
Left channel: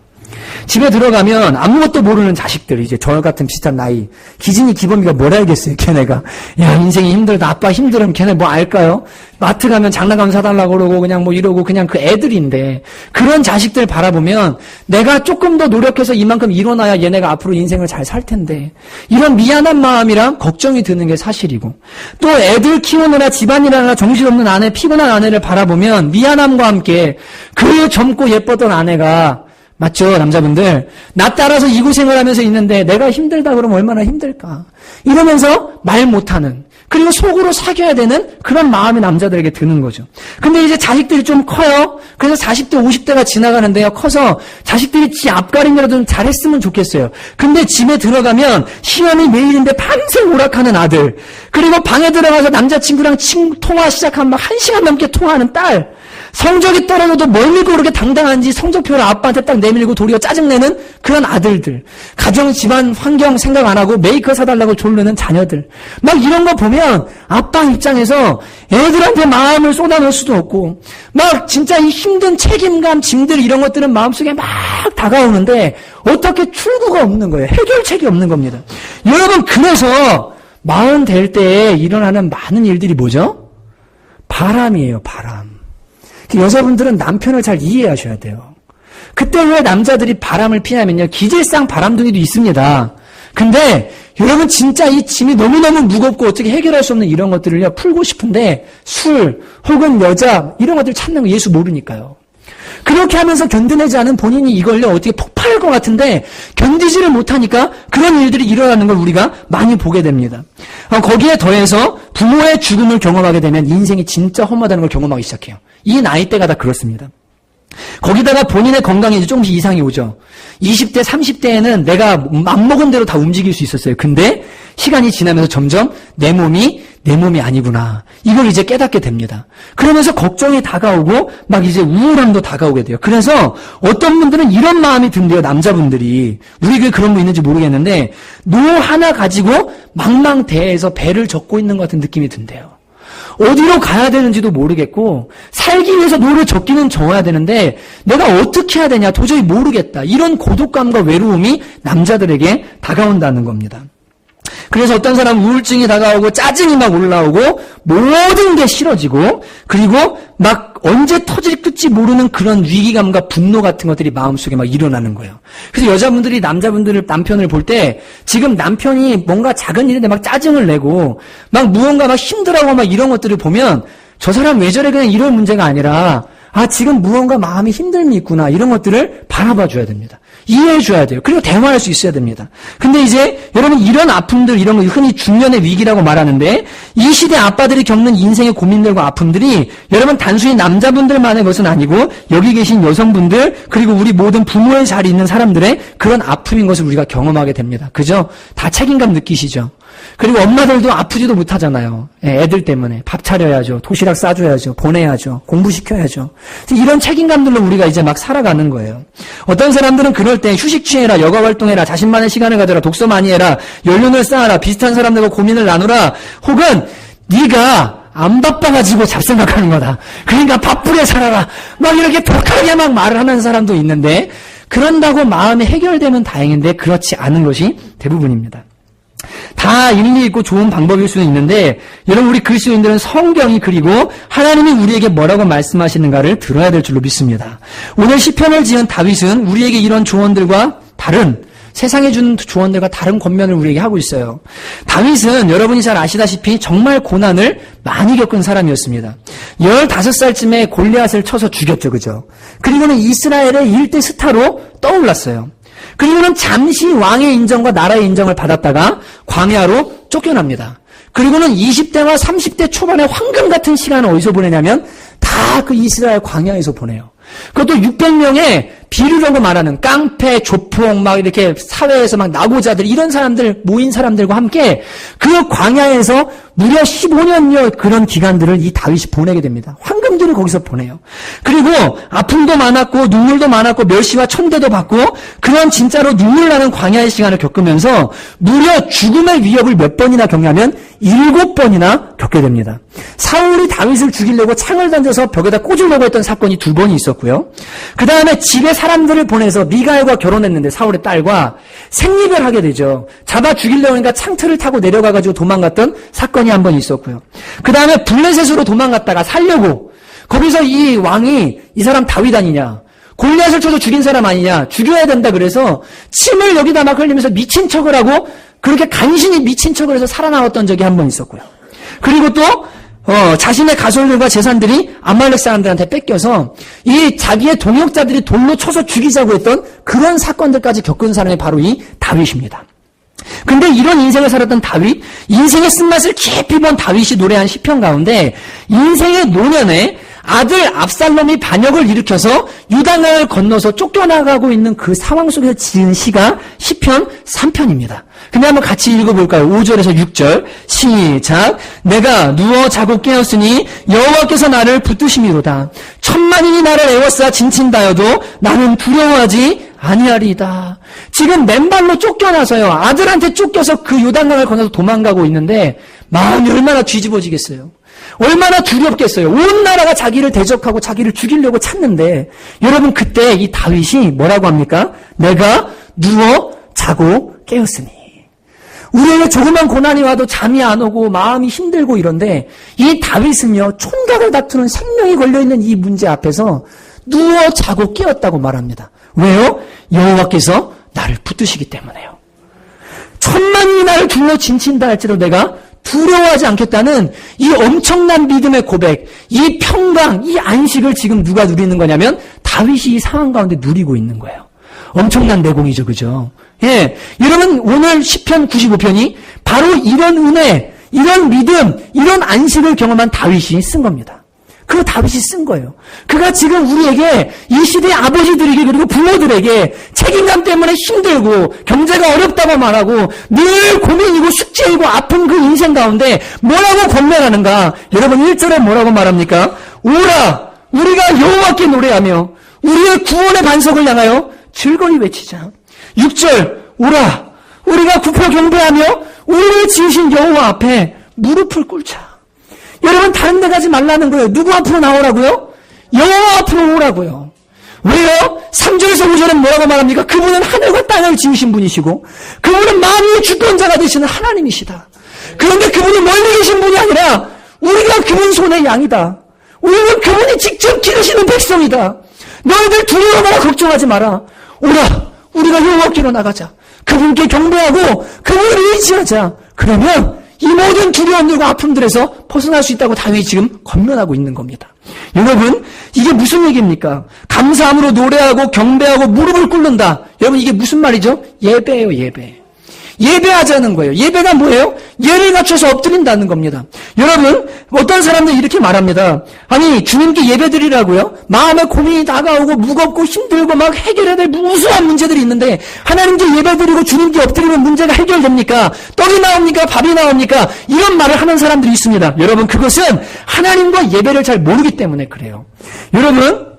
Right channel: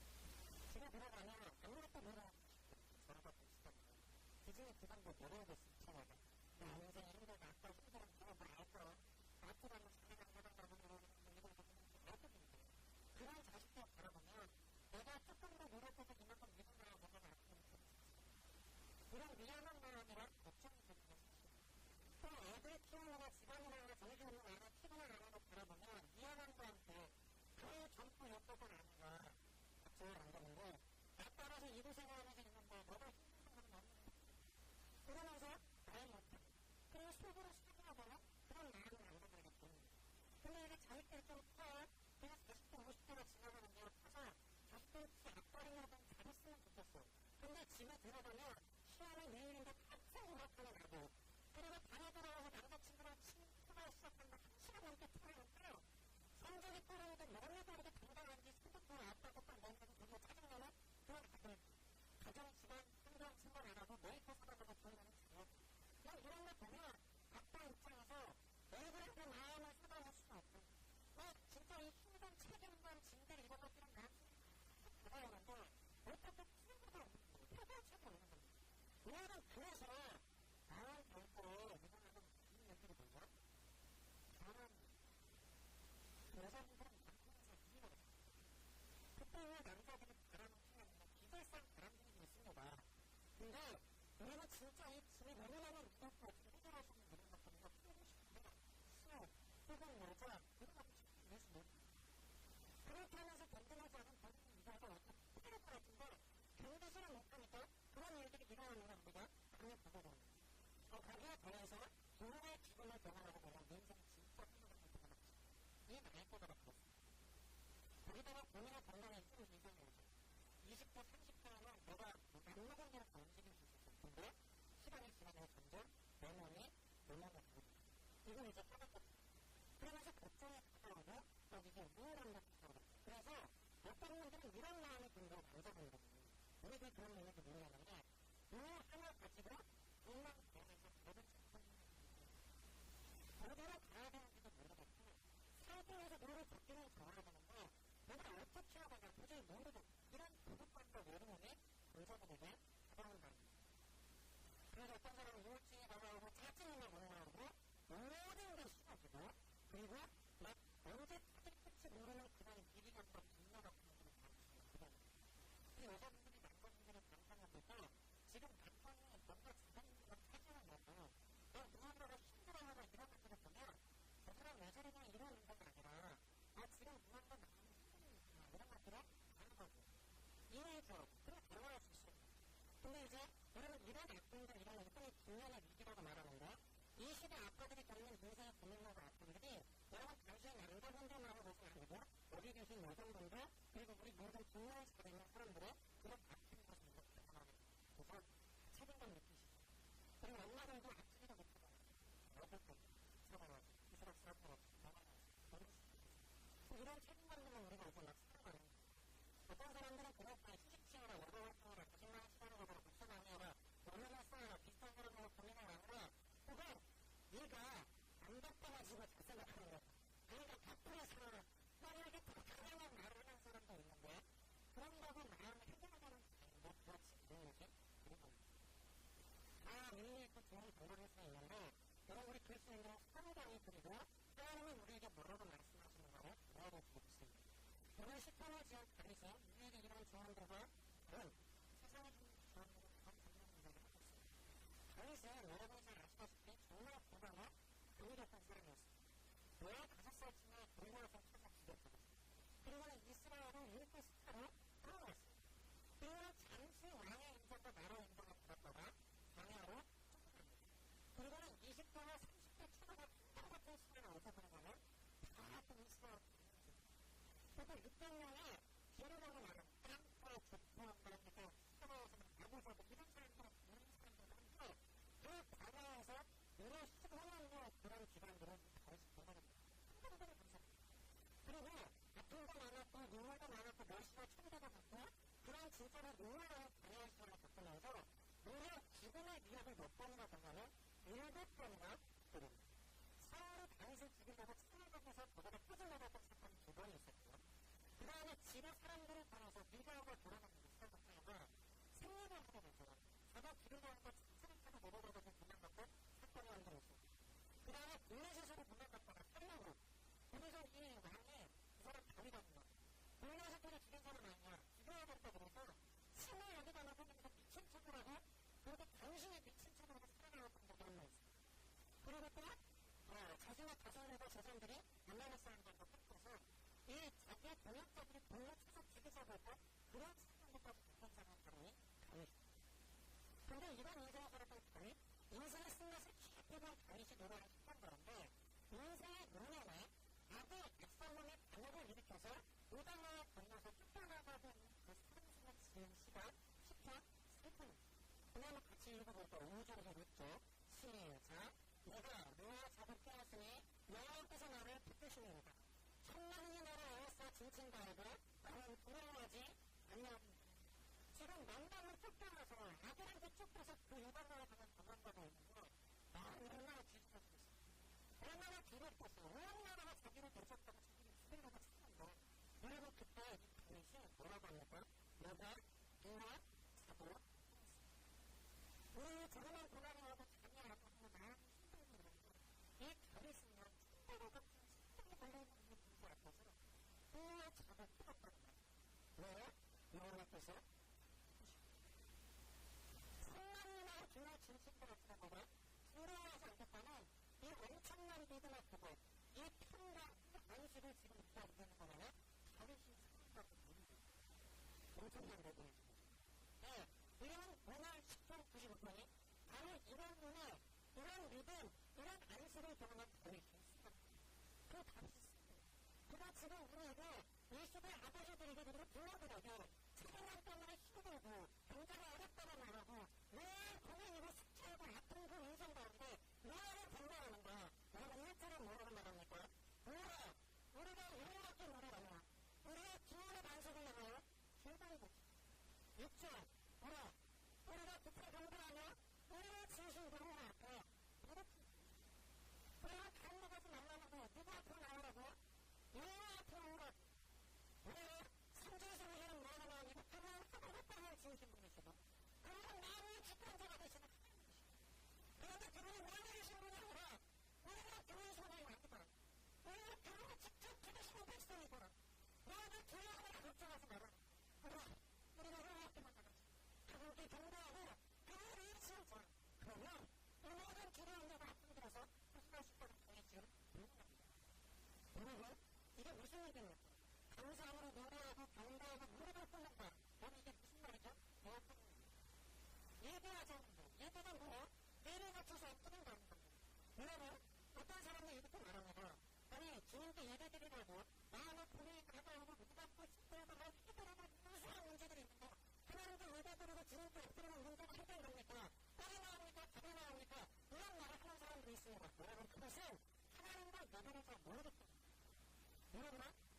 집에 들어가면 아무것도 모르는 자식들, 이제 저 같은 비슷한 나이, 기진이 기범이가 뭘 알겠어요, 걔네가. 야, 인생이 힘들다, 아빠 힘들으면 걔네 뭐 알까요? 마트 가면 장난감 사달라고 그러고 그냥 뭐 이러고 그냥 그 애들인데, 그런 자식들 바라보면 내가 조금 더 노력해서 이만큼 일어나야 얘네가 앞으로 인생을 잘 살 텐데, 이런 미안한 마음이랑 걱정이 드는 게 사실이고, 또 애들 키우느라 집안일하느라 정신없는 아내, 피곤한 아내를 바라보면 미안함과 함께 그 젊고 예뻤던 아내가, 맞죠, 남자분들? 나 따라서 이 고생을 하면서 있는데 내가 힘들다 그러면 얼마나 힘들까? 이러면서 말 못하는, 그리고 속으로 사귀어야 되는 그런 마음이 남자들에게 드는 거죠. 근데 이제 자식들이 좀 커요. 그래서 40대, 50대가 지나가는데요. 커서 자식들이 지 앞가림이라도 좀 잘했으면 좋겠어요. 근데 집에 들어가면 시험이 매일인데 밤새 오락하는 아들, 그리고 방에 들어가서 남자친구랑 통화 시작하면 막 1시간 넘게 통화하는 딸, 성적이 떨어져도 뭘 믿고 그렇게 당당한지 성적표를 아빠한테 딱 내밀고 도리어 짜증내는 그런 아들들, 가정 집안 환경 생각 안 하고 메이커 사달라고 조르는 자녀들, 막 이런 거 보면 아빠 입장에서 애들한테 마음을 쏟아놓을 수도 없고 막 진짜 이 힘든 책임감, 짐들 이런 것들은 마음속에 막 다가오는데 어떻게 출구가 없는 거예요. 해결책이 없는 겁니다. 여러분, 그래서 마흔 될 때에 일어나는 많은 일들이 뭐죠? 바람이에요, 바람. 여자분들은 남편을 잘 이해하셔야 돼요. 그때 왜 남자들이 바람을 피냐면요, 기질상 바람둥이도 있습니다. 근데 여러분, 진짜 이 짐이 너무너무 무겁고 어떻게 해결할 수 없는 이런 것들을요 풀고 싶은데 술 혹은 여자 이런 것들 찾는 거 예수 모르니까요. 그렇게 하면서 견뎌내지 않은 본인이 이걸요 어떻게 폭발할 것 같은데 견디지를 못하니까 그런 일들이 일어나는 걸 우리가 많이 보게 됩니다. 거기에 더해서 부모의 죽음을 경험하게 되면 인생이 진짜 험하다는 걸 경험하기 시작해요. 이 나이대가 다 그렇습니다. 거기다가 본인의 건강에 이제 조금씩 이상이 오죠. 20대, 30대에는 내가 맘먹은 대로 다 움직일 수 있었어요. 근데 시간이 지나면서 점점 내 몸이 아니구나, 이걸 이제 깨닫게 됩니다. 그러면서 걱정이 다가오고 막 이제 우울함도 다가오게 돼요. 그래서 어떤 분들은 이런 마음이 든대요. 남자분들이, 우리 교회 그런 분 있는지 모르겠는데 노 하나 가지고 망망대해에서 배를 젓고 있는 것 같은 느낌이 든대요. 어디로 가야 되는지도 모르겠고 살기 위해서 노를 젓기는 져야 되는데 내가 어떻게 해야 되냐 도저히 모르겠다, 이런 고독감과 외로움이 남자들에게 다가온다는 겁니다. 그래서 어떤 사람은 우울증이 다가오고 짜증이 막 올라오고 모든 게 싫어지고, 그리고 막 언제 터질지 모르는 그런 위기감과 분노 같은 것들이 마음속에 막 일어나는 거예요. 그래서 여자분들이 남편을 볼 때 지금 남편이 뭔가 작은 일인데 막 짜증을 내고 막 무언가 막 힘들어하고 막 이런 것들을 보면 저 사람 왜 저래, 그냥 이런 문제가 아니라 지금 무언가 마음이 힘듦이 있구나, 이런 것들을 바라봐 줘야 됩니다. 이해해 줘야 돼요. 그리고 대화할 수 있어야 됩니다. 근데 이제 여러분, 이런 아픔들, 이런 거 흔히 중년의 위기라고 말하는데 이 시대 아빠들이 겪는 인생의 고민들과 아픔들이 여러분 단순히 남자분들만의 것은 아니고 여기 계신 여성분들, 그리고 우리 모든 부모의 자리에 있는 사람들의 그런 아픔인 것을 우리가 경험하게 됩니다. 그죠? 다 책임감 느끼시죠? 그리고 엄마들도 아프지도 못하잖아요. 애들 때문에 밥 차려야죠, 도시락 싸줘야죠, 보내야죠, 공부시켜야죠. 이런 책임감들로 우리가 이제 막 살아가는 거예요. 어떤 사람들은 그럴 때 휴식 취해라, 여가 활동해라, 자신만의 시간을 가져라, 독서 많이 해라, 연륜을 쌓아라, 비슷한 사람들과 고민을 나누라, 혹은 네가 안 바빠가지고 잡생각하는 거다, 그러니까 바쁘게 살아라, 막 이렇게 독하게 막 말을 하는 사람도 있는데, 그런다고 마음이 해결되면 다행인데 그렇지 않은 것이 대부분입니다. 다 일리 있고 좋은 방법일 수는 있는데 여러분, 우리 그리스도인들은 성경이, 그리고 하나님이 우리에게 뭐라고 말씀하시는가를 들어야 될 줄로 믿습니다. 오늘 시편을 지은 다윗은 우리에게 이런 조언들과 다른 세상에 주는 조언들과 다른 권면을 우리에게 하고 있어요. 다윗은 여러분이 잘 아시다시피 정말 고난을 많이 겪은 사람이었습니다. 15살쯤에 골리앗을 쳐서 죽였죠. 그죠? 그리고는 이스라엘의 일대 스타로 떠올랐어요. 그리고는 잠시 왕의 인정과 나라의 인정을 받았다가 광야로 쫓겨납니다. 그리고는 20대와 30대 초반의 황금 같은 시간을 어디서 보내냐면 다 그 이스라엘 광야에서 보내요. 그것도 600명의 비류라고 말하는 깡패, 조폭, 막 이렇게 사회에서 막 나고자들 이런 사람들 모인 사람들과 함께 그 광야에서 무려 15년여 그런 기간들을 이 다윗이 보내게 됩니다. 황금들을 거기서 보내요. 그리고 아픔도 많았고 눈물도 많았고 멸시와 천대도 받고 그런 진짜로 눈물 나는 광야의 시간을 겪으면서 무려 죽음의 위협을 몇 번이나 겪냐면 7번이나 겪게 됩니다. 사울이 다윗을 죽이려고 창을 던져서 벽에다 꽂으려고 했던 사건이 2번이 있었고요. 그 다음에 집에 사람들을 보내서 미가엘과 결혼했는데 사울의 딸과 생리별하게 되죠. 잡아 죽이려고 하니까 창틀을 타고 내려가가지고 도망갔던 사건이 한 번 있었고요. 그 다음에 블레셋으로 도망갔다가 살려고 거기서 이 왕이 이 사람 다윗 아니냐, 골리앗을 쳐서 죽인 사람 아니냐, 죽여야 된다 그래서 침을 여기다 막 흘리면서 미친 척을 하고 그렇게 간신히 미친 척을 해서 살아나왔던 적이 한 번 있었고요. 그리고 또 자신의 가솔들과 재산들이 아말렉 사람들한테 뺏겨서 이 자기의 동역자들이 돌로 쳐서 죽이자고 했던 그런 사건들까지 겪은 사람이 바로 이 다윗입니다. 근데 이런 인생을 살았던 다윗, 인생의 쓴맛을 깊이 본 다윗이 노래한 시편 가운데 인생의 노년에 아들 압살롬이 반역을 일으켜서 유다강을 건너서 쫓겨나가고 있는 그 상황 속에서 지은 시가 시편 3편입니다. 근데 한번 같이 읽어볼까요? 5절에서 6절 시작. 내가 누워 자고 깨었으니 여호와께서 나를 붙드심이로다. 천만인이 나를 애워싸 진친다여도 나는 두려워하지 아니하리이다. 지금 맨발로 쫓겨나서요. 아들한테 쫓겨서 그 요단강을 건너서 도망가고 있는데 마음이 얼마나 뒤집어지겠어요. 얼마나 두렵겠어요. 온 나라가 자기를 대적하고 자기를 죽이려고 찾는데 여러분 그때 이 다윗이 뭐라고 합니까? 내가 누워 자고 깨었으니. 우리에게 조그만 고난이 와도 잠이 안 오고 마음이 힘들고 이런데 이 다윗은요. 총각을 다투는 생명이 걸려있는 이 문제 앞에서 누워 자고 깨었다고 말합니다. 왜요? 여호와께서 나를 붙드시기 때문에요. 천만이 나를 둘러 진친다 할지라도 내가 두려워하지 않겠다는 이 엄청난 믿음의 고백, 이 평강, 이 안식을 지금 누가 누리는 거냐면 다윗이 이 상황 가운데 누리고 있는 거예요. 엄청난 내공이죠. 그죠? 예. 여러분 오늘 시편 95편이 바로 이런 은혜, 이런 믿음, 이런 안식을 경험한 다윗이 쓴 겁니다. 그거 다윗이 쓴 거예요. 그가 지금 우리에게 이 시대의 아버지들에게 그리고 부모들에게 책임감 때문에 힘들고 경제가 어렵다고 말하고 늘 고민이고 숙제이고 아픈 그 인생 가운데 뭐라고 권면하는가? 여러분 1절에 뭐라고 말합니까? 오라! 우리가 여호와께 노래하며 우리의 구원의 반석을 향하여 즐거이 외치자. 6절 오라! 우리가 굽혀 경배하며 우리를 지으신 여호와 앞에 무릎을 꿇자. 여러분 다른 데 가지 말라는 거예요. 누구 앞으로 나오라고요? 여호와 앞으로 오라고요. 왜요? 3절에서 5절은 뭐라고 말합니까? 그분은 하늘과 땅을 지으신 분이시고 그분은 만유의 주권자가 되시는 하나님이시다. 그런데 그분이 멀리 계신 분이 아니라 우리가 그분 손의 양이다. 우리는 그분이 직접 기르시는 백성이다. 너희들 두려워하거나 걱정하지 마라. 오라, 우리가 여호와께로 나가자. 그분께 경배하고 그분을 의지하자. 그러면 이 모든 두려움들과 아픔들에서 벗어날 수 있다고 다윗이 지금 권면하고 있는 겁니다. 여러분 이게 무슨 얘기입니까? 감사함으로 노래하고 경배하고 무릎을 꿇는다. 여러분 이게 무슨 말이죠? 예배예요. 예배. 예배하자는 거예요. 예배가 뭐예요? 예를 갖춰서 엎드린다는 겁니다. 여러분 어떤 사람들이 이렇게 말합니다. 아니 주님께 예배드리라고요? 마음에 고민이 다가오고 무겁고 힘들고 막 해결해야 될 무수한 문제들이 있는데 하나님께 예배드리고 주님께 엎드리면 문제가 해결됩니까? 떡이 나옵니까? 밥이 나옵니까? 이런 말을 하는 사람들이 있습니다. 여러분 그것은 하나님과 예배를 잘 모르기 때문에 그래요. 여러분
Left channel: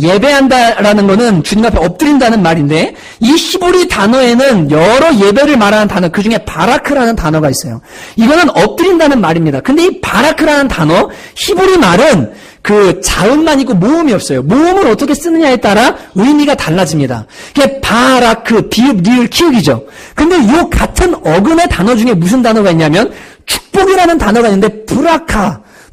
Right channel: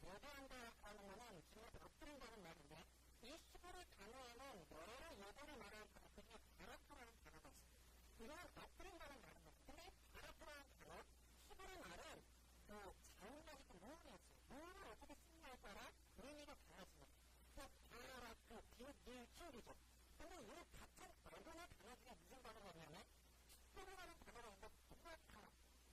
예배한다라는 거는 주님 앞에 엎드린다는 말인데 이 히브리 단어에는 여러 예배를 말하는 단어 그 중에 바라크라는 단어가 있어요. 이거는 엎드린다는 말입니다. 근데 이 바라크라는 단어 히브리 말은 그 자음만 있고 모음이 없어요. 모음을 어떻게 쓰느냐에 따라 의미가 달라집니다. 이게 바라크, 비읍, 리을, 키읔이죠. 근데 이 같은 어근의 단어 중에 무슨 단어가 있냐면 축복이라는 단어가 있는데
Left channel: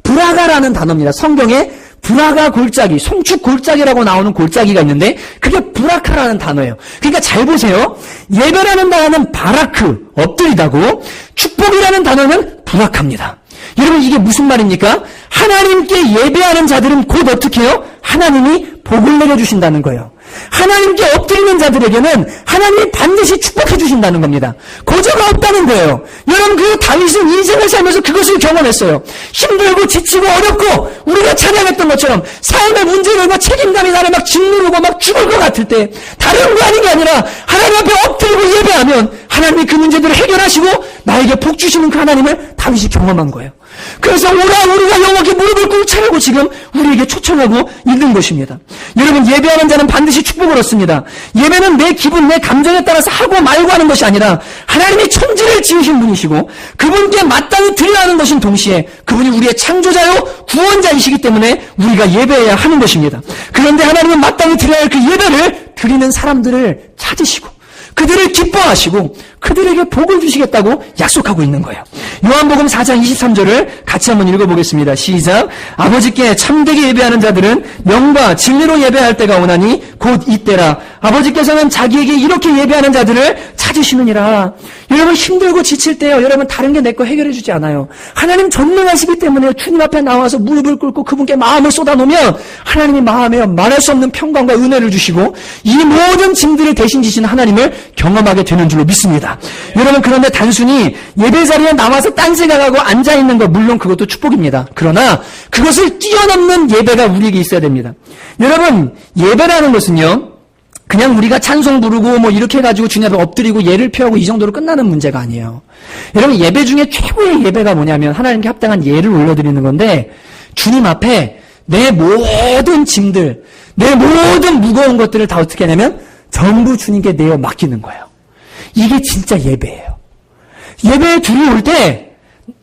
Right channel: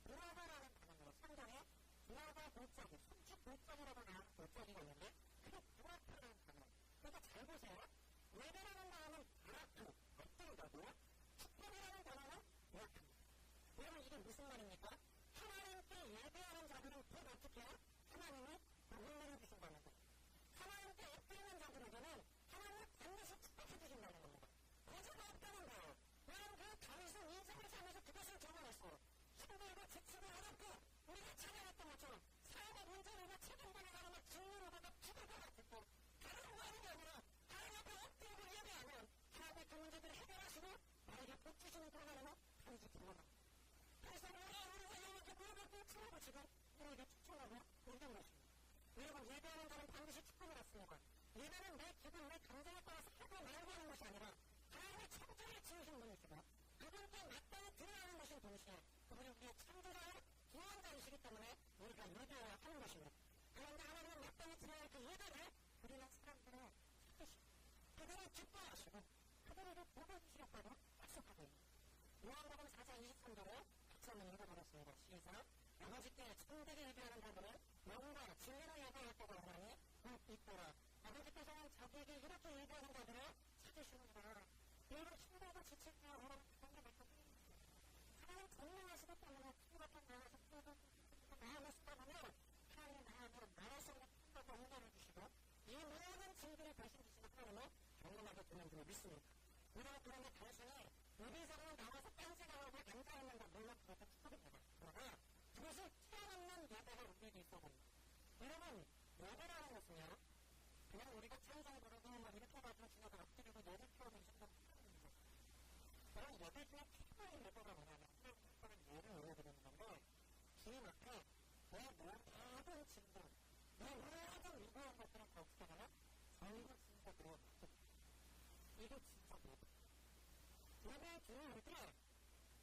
브라카라는 단어입니다. 성경에 브라가 골짜기, 송축 골짜기라고 나오는 골짜기가 있는데 그게 브라카라는 단어예요. 그러니까 잘 보세요. 예배라는 단어는 바라크, 엎드리다고, 축복이라는 단어는 브라카입니다. 여러분 이게 무슨 말입니까? 하나님께 예배하는 자들은 곧 어떻게 해요? 하나님이 복을 내려주신다는 거예요. 하나님께 엎드리는 자들에게는 하나님이 반드시 축복해 주신다는 겁니다. 거저가 없다는 거예요. 여러분 그 다윗은 인생을 살면서 그것을 경험했어요. 힘들고 지치고 어렵고 우리가 찬양했던 것처럼 삶의 문제들과 책임감이 나를 막 짓누르고 막 죽을 것 같을 때 다른 거 아닌 게 아니라 하나님 앞에 엎드리고 예배하면 하나님이 그 문제들을 해결하시고 나에게 복 주시는 그 하나님을 다윗이 경험한 거예요. 그래서 오라 우리가 여호와께 무릎을 꿇고 차라고 지금 우리에게 초청하고 있는 것입니다. 여러분 예배하는 자는 반드시 축복을 얻습니다. 예배는 내 기분 내 감정에 따라서 하고 말고 하는 것이 아니라 하나님이 천지를 지으신 분이시고 그분께 마땅히 드려야 하는 것인 동시에 그분이 우리의 창조자요 구원자이시기 때문에 우리가 예배해야 하는 것입니다. 그런데 하나님은 마땅히 드려야 할 그 예배를 드리는 사람들을 찾으시고 그들을 기뻐하시고 그들에게 복을 주시겠다고 약속하고 있는 거예요. 요한복음 4장 23절을 같이 한번 읽어보겠습니다. 시작. 아버지께 참되게 예배하는 자들은 영과 진리로 예배할 때가 오나니 곧 이때라. 아버지께서는 자기에게 이렇게 예배하는 자들을 찾으시느니라. 여러분 힘들고 지칠 때요. 여러분 다른 게 내 거 해결해 주지 않아요. 하나님 전능하시기 때문에 주님 앞에 나와서 무릎을 꿇고 그분께 마음을 쏟아놓으면 하나님이 마음에 말할 수 없는 평강과 은혜를 주시고 이 모든 짐들을 대신 지시는 하나님을 경험하게 되는 줄로 믿습니다. 여러분 그런데 단순히 예배 자리에 나와서 딴 생각하고 앉아있는 것 물론 그것도 축복입니다. 그러나 그것을 뛰어넘는 예배가 우리에게 있어야 됩니다. 여러분 예배라는 것은요 그냥 우리가 찬송 부르고 뭐 이렇게 해가지고 주님 앞에 엎드리고 예를 표하고 이 정도로 끝나는 문제가 아니에요. 여러분 예배 중에 최고의 예배가 뭐냐면 하나님께 합당한 예를 올려드리는 건데 주님 앞에 내 모든 짐들 내 모든 무거운 것들을 다 어떻게 하냐면 전부 주님께 내어 맡기는 거예요. 이게 진짜 예배예요. 예배에 둘이 올 때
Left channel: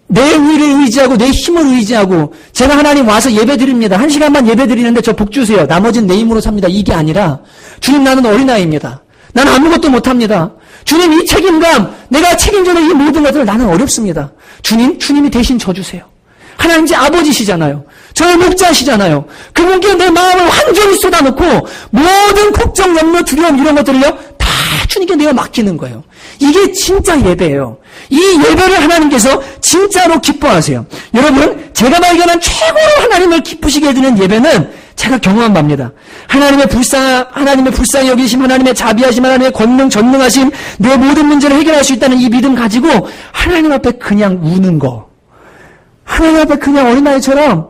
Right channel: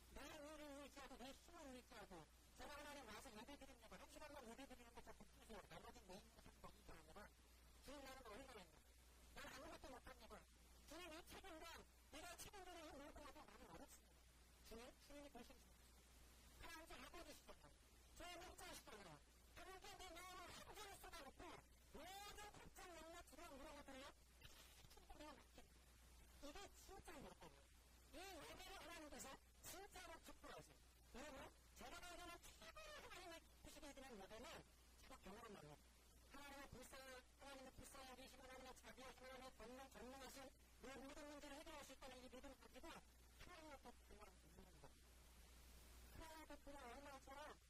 내 의를 의지하고 내 힘을 의지하고 제가 하나님 와서 예배 드립니다. 1시간만 예배 드리는데 저 복 주세요. 나머지는 내 힘으로 삽니다. 이게 아니라 주님 나는 어린아이입니다. 나는 아무것도 못합니다. 주님 이 책임감 내가 책임져야 이 모든 것들 나는 어렵습니다. 주님이 대신 져주세요. 하나님 제 아버지시잖아요. 저의 목자시잖아요. 그분께 내 마음을 완전히 쏟아놓고 모든 걱정, 염려, 두려움 이런 것들을요 다 주님께 내어 맡기는 거예요. 이게 진짜 예배예요. 이 예배를 하나님께서 진짜로 기뻐하세요. 여러분 제가 발견한 최고로 하나님을 기쁘시게 해드리는 예배는 제가 경험한 바입니다. 하나님의 불쌍히 여기심, 하나님의 자비하심, 하나님의 권능, 전능하심, 내 모든 문제를 해결할 수 있다는 이 믿음 가지고 하나님 앞에 그냥 우는 거. 하나님 앞에 그냥 어린아이처럼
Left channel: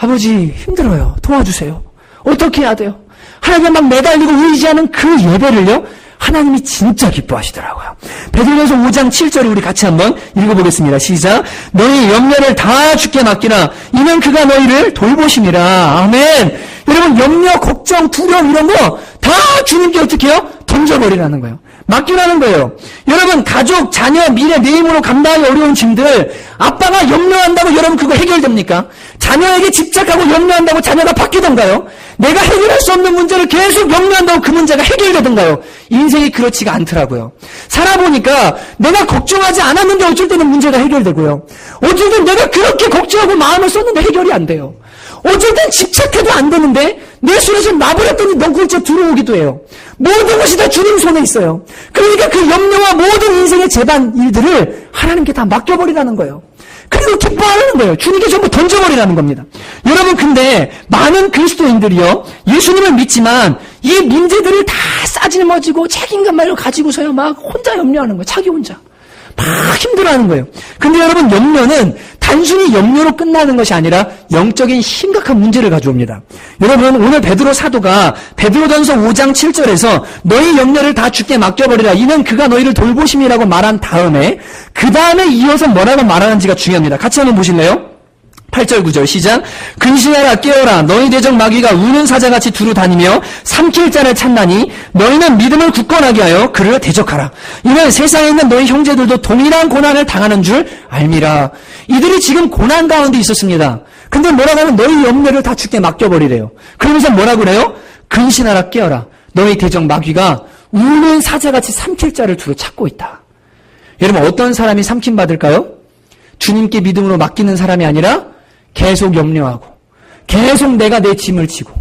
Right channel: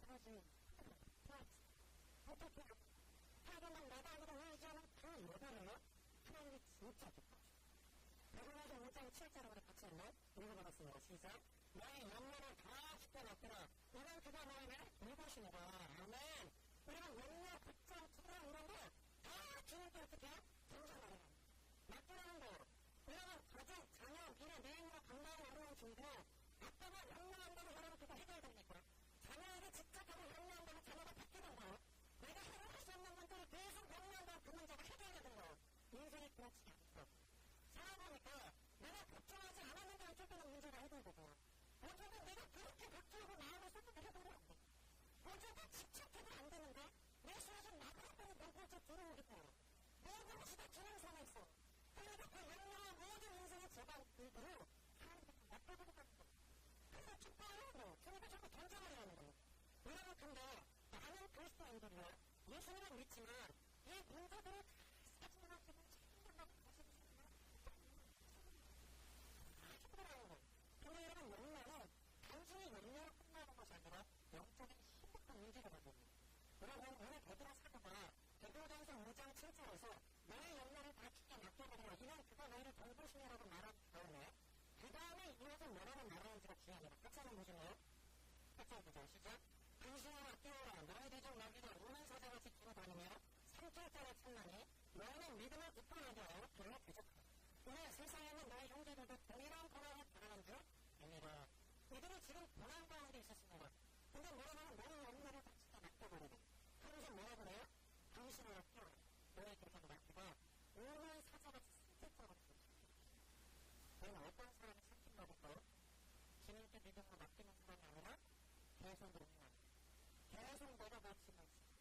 아버지 힘들어요. 도와주세요. 어떻게 해야 돼요? 하나님께 막 매달리고 의지하는 그 예배를요. 하나님이 진짜 기뻐하시더라고요. 베드로전서 5장 7절을 우리 같이 한번 읽어보겠습니다. 시작. 너희 염려를 다 주께 맡기라. 이는 그가 너희를 돌보심이라. 아멘. 여러분 염려, 걱정, 두려움 이런 거 다 주님께 어떻게 해요? 던져버리라는 거예요. 맡기라는 거예요. 여러분 가족, 자녀, 미래, 내 힘으로 감당하기 어려운 짐들 아빠가 염려한다고 여러분 그거 해결됩니까? 자녀에게 집착하고 염려한다고 자녀가 바뀌던가요? 내가 해결할 수 없는 문제를 계속 염려한다고 그 문제가 해결되던가요? 인생이 그렇지가 않더라고요. 살아보니까 내가 걱정하지 않았는데 어쩔 때는 문제가 해결되고요. 어쩔 땐 내가 그렇게 걱정하고 마음을 썼는데 해결이 안 돼요. 어쩔 땐 집착해도 안 되는데 내 손에 좀 놔버렸더니 넝쿨째 들어오기도 해요. 모든 것이 다 주님 손에 있어요. 그러니까 그 염려와 모든 인생의 재반 일들을 하나님께 다 맡겨버리라는 거예요. 그리고 기뻐하는 거예요. 주님께 전부 던져버리라는 겁니다. 여러분 근데 많은 그리스도인들이요 예수님을 믿지만 이 문제들을 다 싸질머지고 책임감을 가지고서요 막 혼자 염려하는 거예요. 자기 혼자 막 힘들어하는 거예요. 근데 여러분 염려는 단순히 염려로 끝나는 것이 아니라 영적인 심각한 문제를 가져옵니다. 여러분 오늘 베드로 사도가 베드로전서 5장 7절에서 너희 염려를 다 주께 맡겨버리라. 이는 그가 너희를 돌보심이라고 말한 다음에 그 다음에 이어서 뭐라고 말하는지가 중요합니다. 같이 한번 보실래요? 8절 9절 시작. 근신하라 깨어라 너희 대적 마귀가 우는 사자같이 두루 다니며 삼킬 자를 찾나니 너희는 믿음을 굳건하게 하여 그를 대적하라. 이는 세상에 있는 너희 형제들도 동일한 고난을 당하는 줄 알미라. 이들이 지금 고난 가운데 있었습니다. 근데 뭐라고 하면 너희 염려를 다 주께 맡겨버리래요. 그러면서 뭐라고 그래요? 근신하라 깨어라 너희 대적 마귀가 우는 사자같이 삼킬 자를 두루 찾고 있다. 여러분 어떤 사람이 삼킴 받을까요? 주님께 믿음으로 맡기는 사람이 아니라 계속 염려하고 계속 내가 내 짐을 지고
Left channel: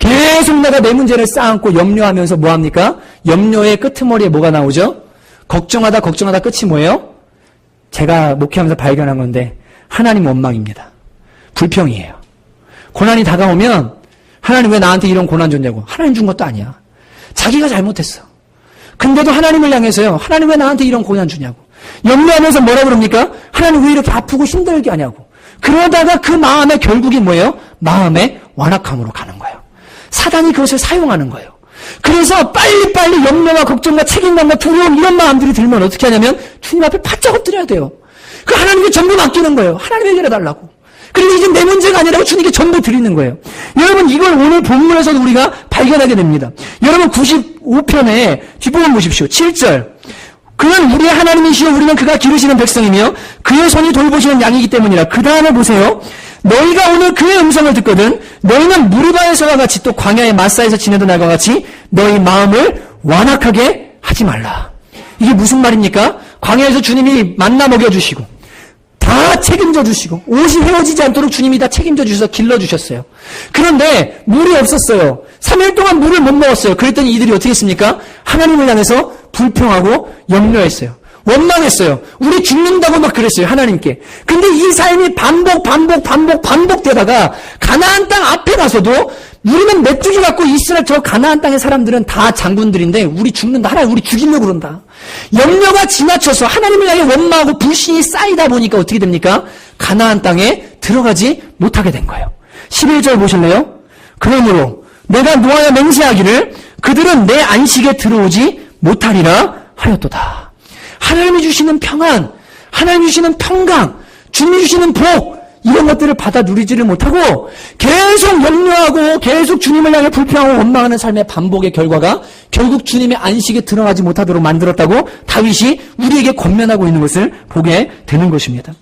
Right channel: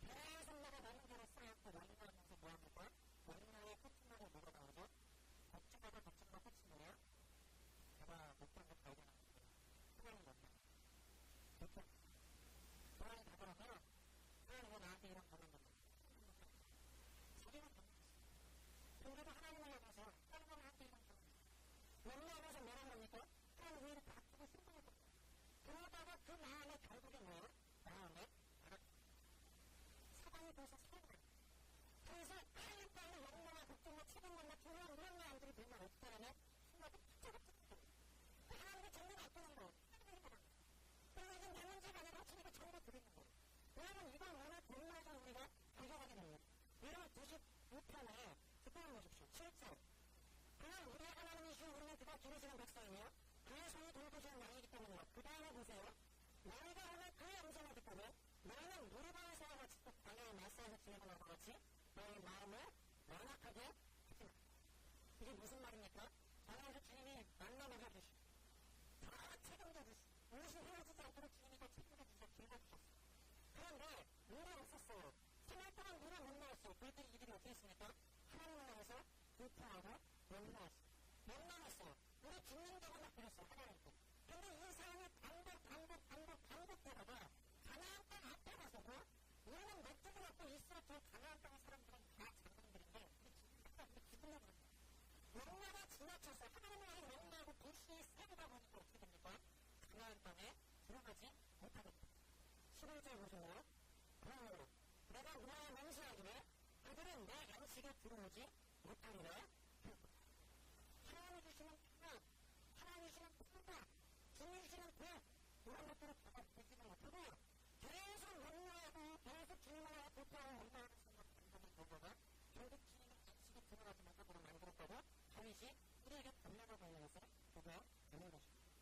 계속 내가 내 문제를 쌓아안고 염려하면서 뭐합니까? 염려의 끄트머리에 뭐가 나오죠? 걱정하다 끝이 뭐예요? 제가 목회하면서 발견한 건데 하나님 원망입니다. 불평이에요. 고난이 다가오면 하나님 왜 나한테 이런 고난 줬냐고. 하나님 준 것도 아니야. 자기가 잘못했어. 근데도 하나님을 향해서요. 하나님 왜 나한테 이런 고난 주냐고. 염려하면서 뭐라 그럽니까? 하나님 왜 이렇게 아프고 힘들게 하냐고. 그러다가 그 마음에 결국이 뭐예요? 마음의 완악함으로 가는 거예요. 사단이 그것을 사용하는 거예요. 그래서 빨리빨리 염려와 걱정과 책임감과 두려움 이런 마음들이 들면 어떻게 하냐면 주님 앞에 바짝 엎드려야 돼요. 그 하나님께 전부 맡기는 거예요. 하나님 해결해달라고. 그리고 이제 내 문제가 아니라고 주님께 전부 드리는 거예요. 여러분 이걸 오늘 본문에서도 우리가 발견하게 됩니다. 여러분 95편에 뒷부분 보십시오. 7절. 그는 우리의 하나님이시요 우리는 그가 기르시는 백성이며 그의 손이 돌보시는 양이기 때문이라. 그 다음에 보세요. 너희가 오늘 그의 음성을 듣거든 너희는 무리바에서와 같이 또 광야의 마사에서 지내던 날과 같이 너희 마음을 완악하게 하지 말라. 이게 무슨 말입니까? 광야에서 주님이 만나 먹여주시고 다 책임져 주시고 옷이 헤어지지 않도록 주님이 다 책임져 주셔서 길러주셨어요. 그런데 물이 없었어요. 3일 동안 물을 못 먹었어요. 그랬더니 이들이 어떻게 했습니까? 하나님을 향해서 불평하고 염려했어요. 원망했어요. 우리 죽는다고 막 그랬어요. 하나님께. 근데 이 삶이 반복되다가 가나안 땅 앞에 가서도 우리는 메뚜기 갖고 이스라엘 저 가나안 땅의 사람들은 다 장군들인데 우리 죽는다. 하나님 우리 죽이려고 그런다. 염려가 지나쳐서 하나님을 향해 원망하고 불신이 쌓이다 보니까 어떻게 됩니까? 가나안 땅에 들어가지 못하게 된 거예요. 11절 보실래요? 그러므로 내가 노하여 맹세하기를 그들은 내 안식에 들어오지 못하리라 하였도다. 하나님이 주시는 평안, 하나님이 주시는 평강, 주님이 주시는 복 이런 것들을 받아 누리지를 못하고 계속 염려하고 계속 주님을 향해 불평하고 원망하는 삶의 반복의 결과가 결국 주님의 안식에 들어가지 못하도록 만들었다고 다윗이 우리에게 권면하고 있는 것을 보게 되는 것입니다.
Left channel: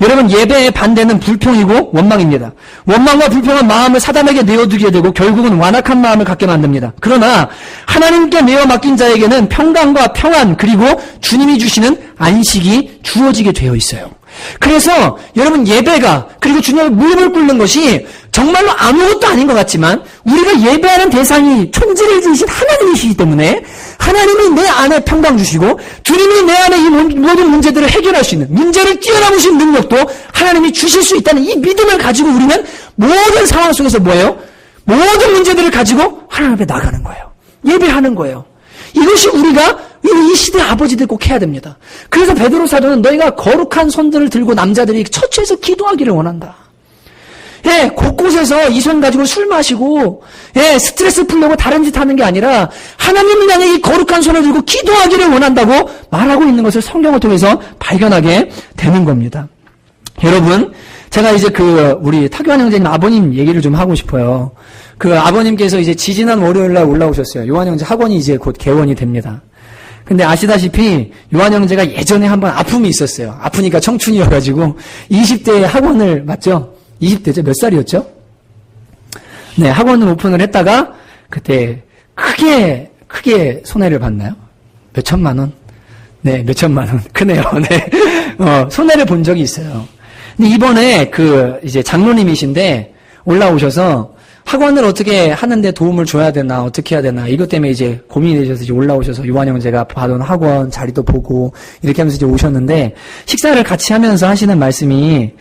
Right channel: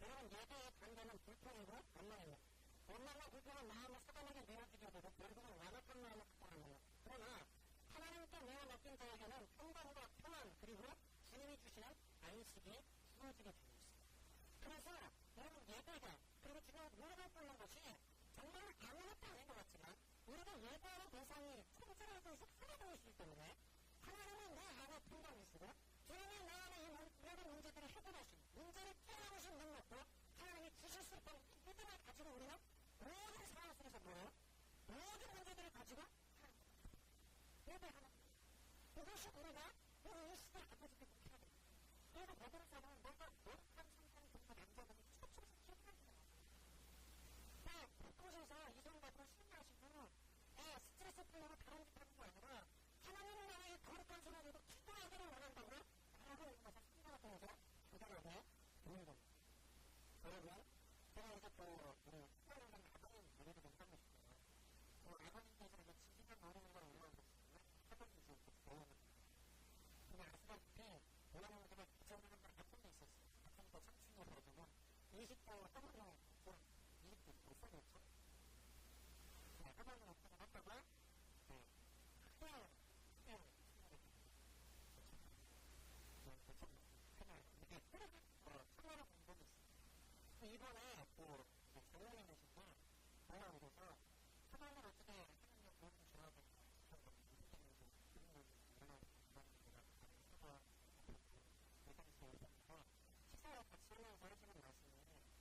여러분 예배의 반대는 불평이고 원망입니다. 원망과 불평은 마음을 사단에게 내어두게 되고 결국은 완악한 마음을 갖게 만듭니다. 그러나 하나님께 내어 맡긴 자에게는 평강과 평안 그리고 주님이 주시는 안식이 주어지게 되어 있어요. 그래서 여러분 예배가 그리고 주님의 무릎을 꿇는 것이 정말로 아무것도 아닌 것 같지만 우리가 예배하는 대상이 천지를 지으신 하나님이시기 때문에 하나님이 내 안에 평강 주시고 주님이 내 안에 이 모든 문제들을 해결할 수 있는 문제를 뛰어넘으신 능력도 하나님이 주실 수 있다는 이 믿음을 가지고 우리는 모든 상황 속에서 뭐예요? 모든 문제들을 가지고 하나님 앞에 나가는 거예요. 예배하는 거예요. 이것이 우리가 이 시대 아버지들 꼭 해야 됩니다. 그래서 베드로 사도는 너희가 거룩한 손들을 들고 남자들이 처처에서 기도하기를 원한다. 예, 곳곳에서 이 손 가지고 술 마시고 예, 스트레스 풀려고 다른 짓 하는 게 아니라 하나님을 향해 이 거룩한 손을 들고 기도하기를 원한다고 말하고 있는 것을 성경을 통해서 발견하게 되는 겁니다. 여러분, 제가 이제 우리 타교환 형제님 아버님 얘기를 좀 하고 싶어요. 아버님께서 이제 지지난 월요일날 올라오셨어요. 요한 형제 학원이 이제 곧 개원이 됩니다. 근데 아시다시피 요한 형제가 예전에 한번 아픔이 있었어요. 아프니까 청춘이어가지고 20대에 학원을 맞죠? 20대죠? 몇 살이었죠? 네, 학원을 오픈을 했다가 그때 크게 손해를 봤나요? 몇 천만 원? 네, 몇 천만 원. 크네요. 네. 손해를 본 적이 있어요. 근데 이번에 이제 장로님이신데 올라오셔서 학원을 어떻게 하는데 도움을 줘야 되나, 어떻게 해야 되나, 이것 때문에 이제 고민이 되셔서 이제 올라오셔서 요한 형제가 받은 학원 자리도 보고 이렇게 하면서 이제 오셨는데 식사를 같이 하면서 하시는 말씀이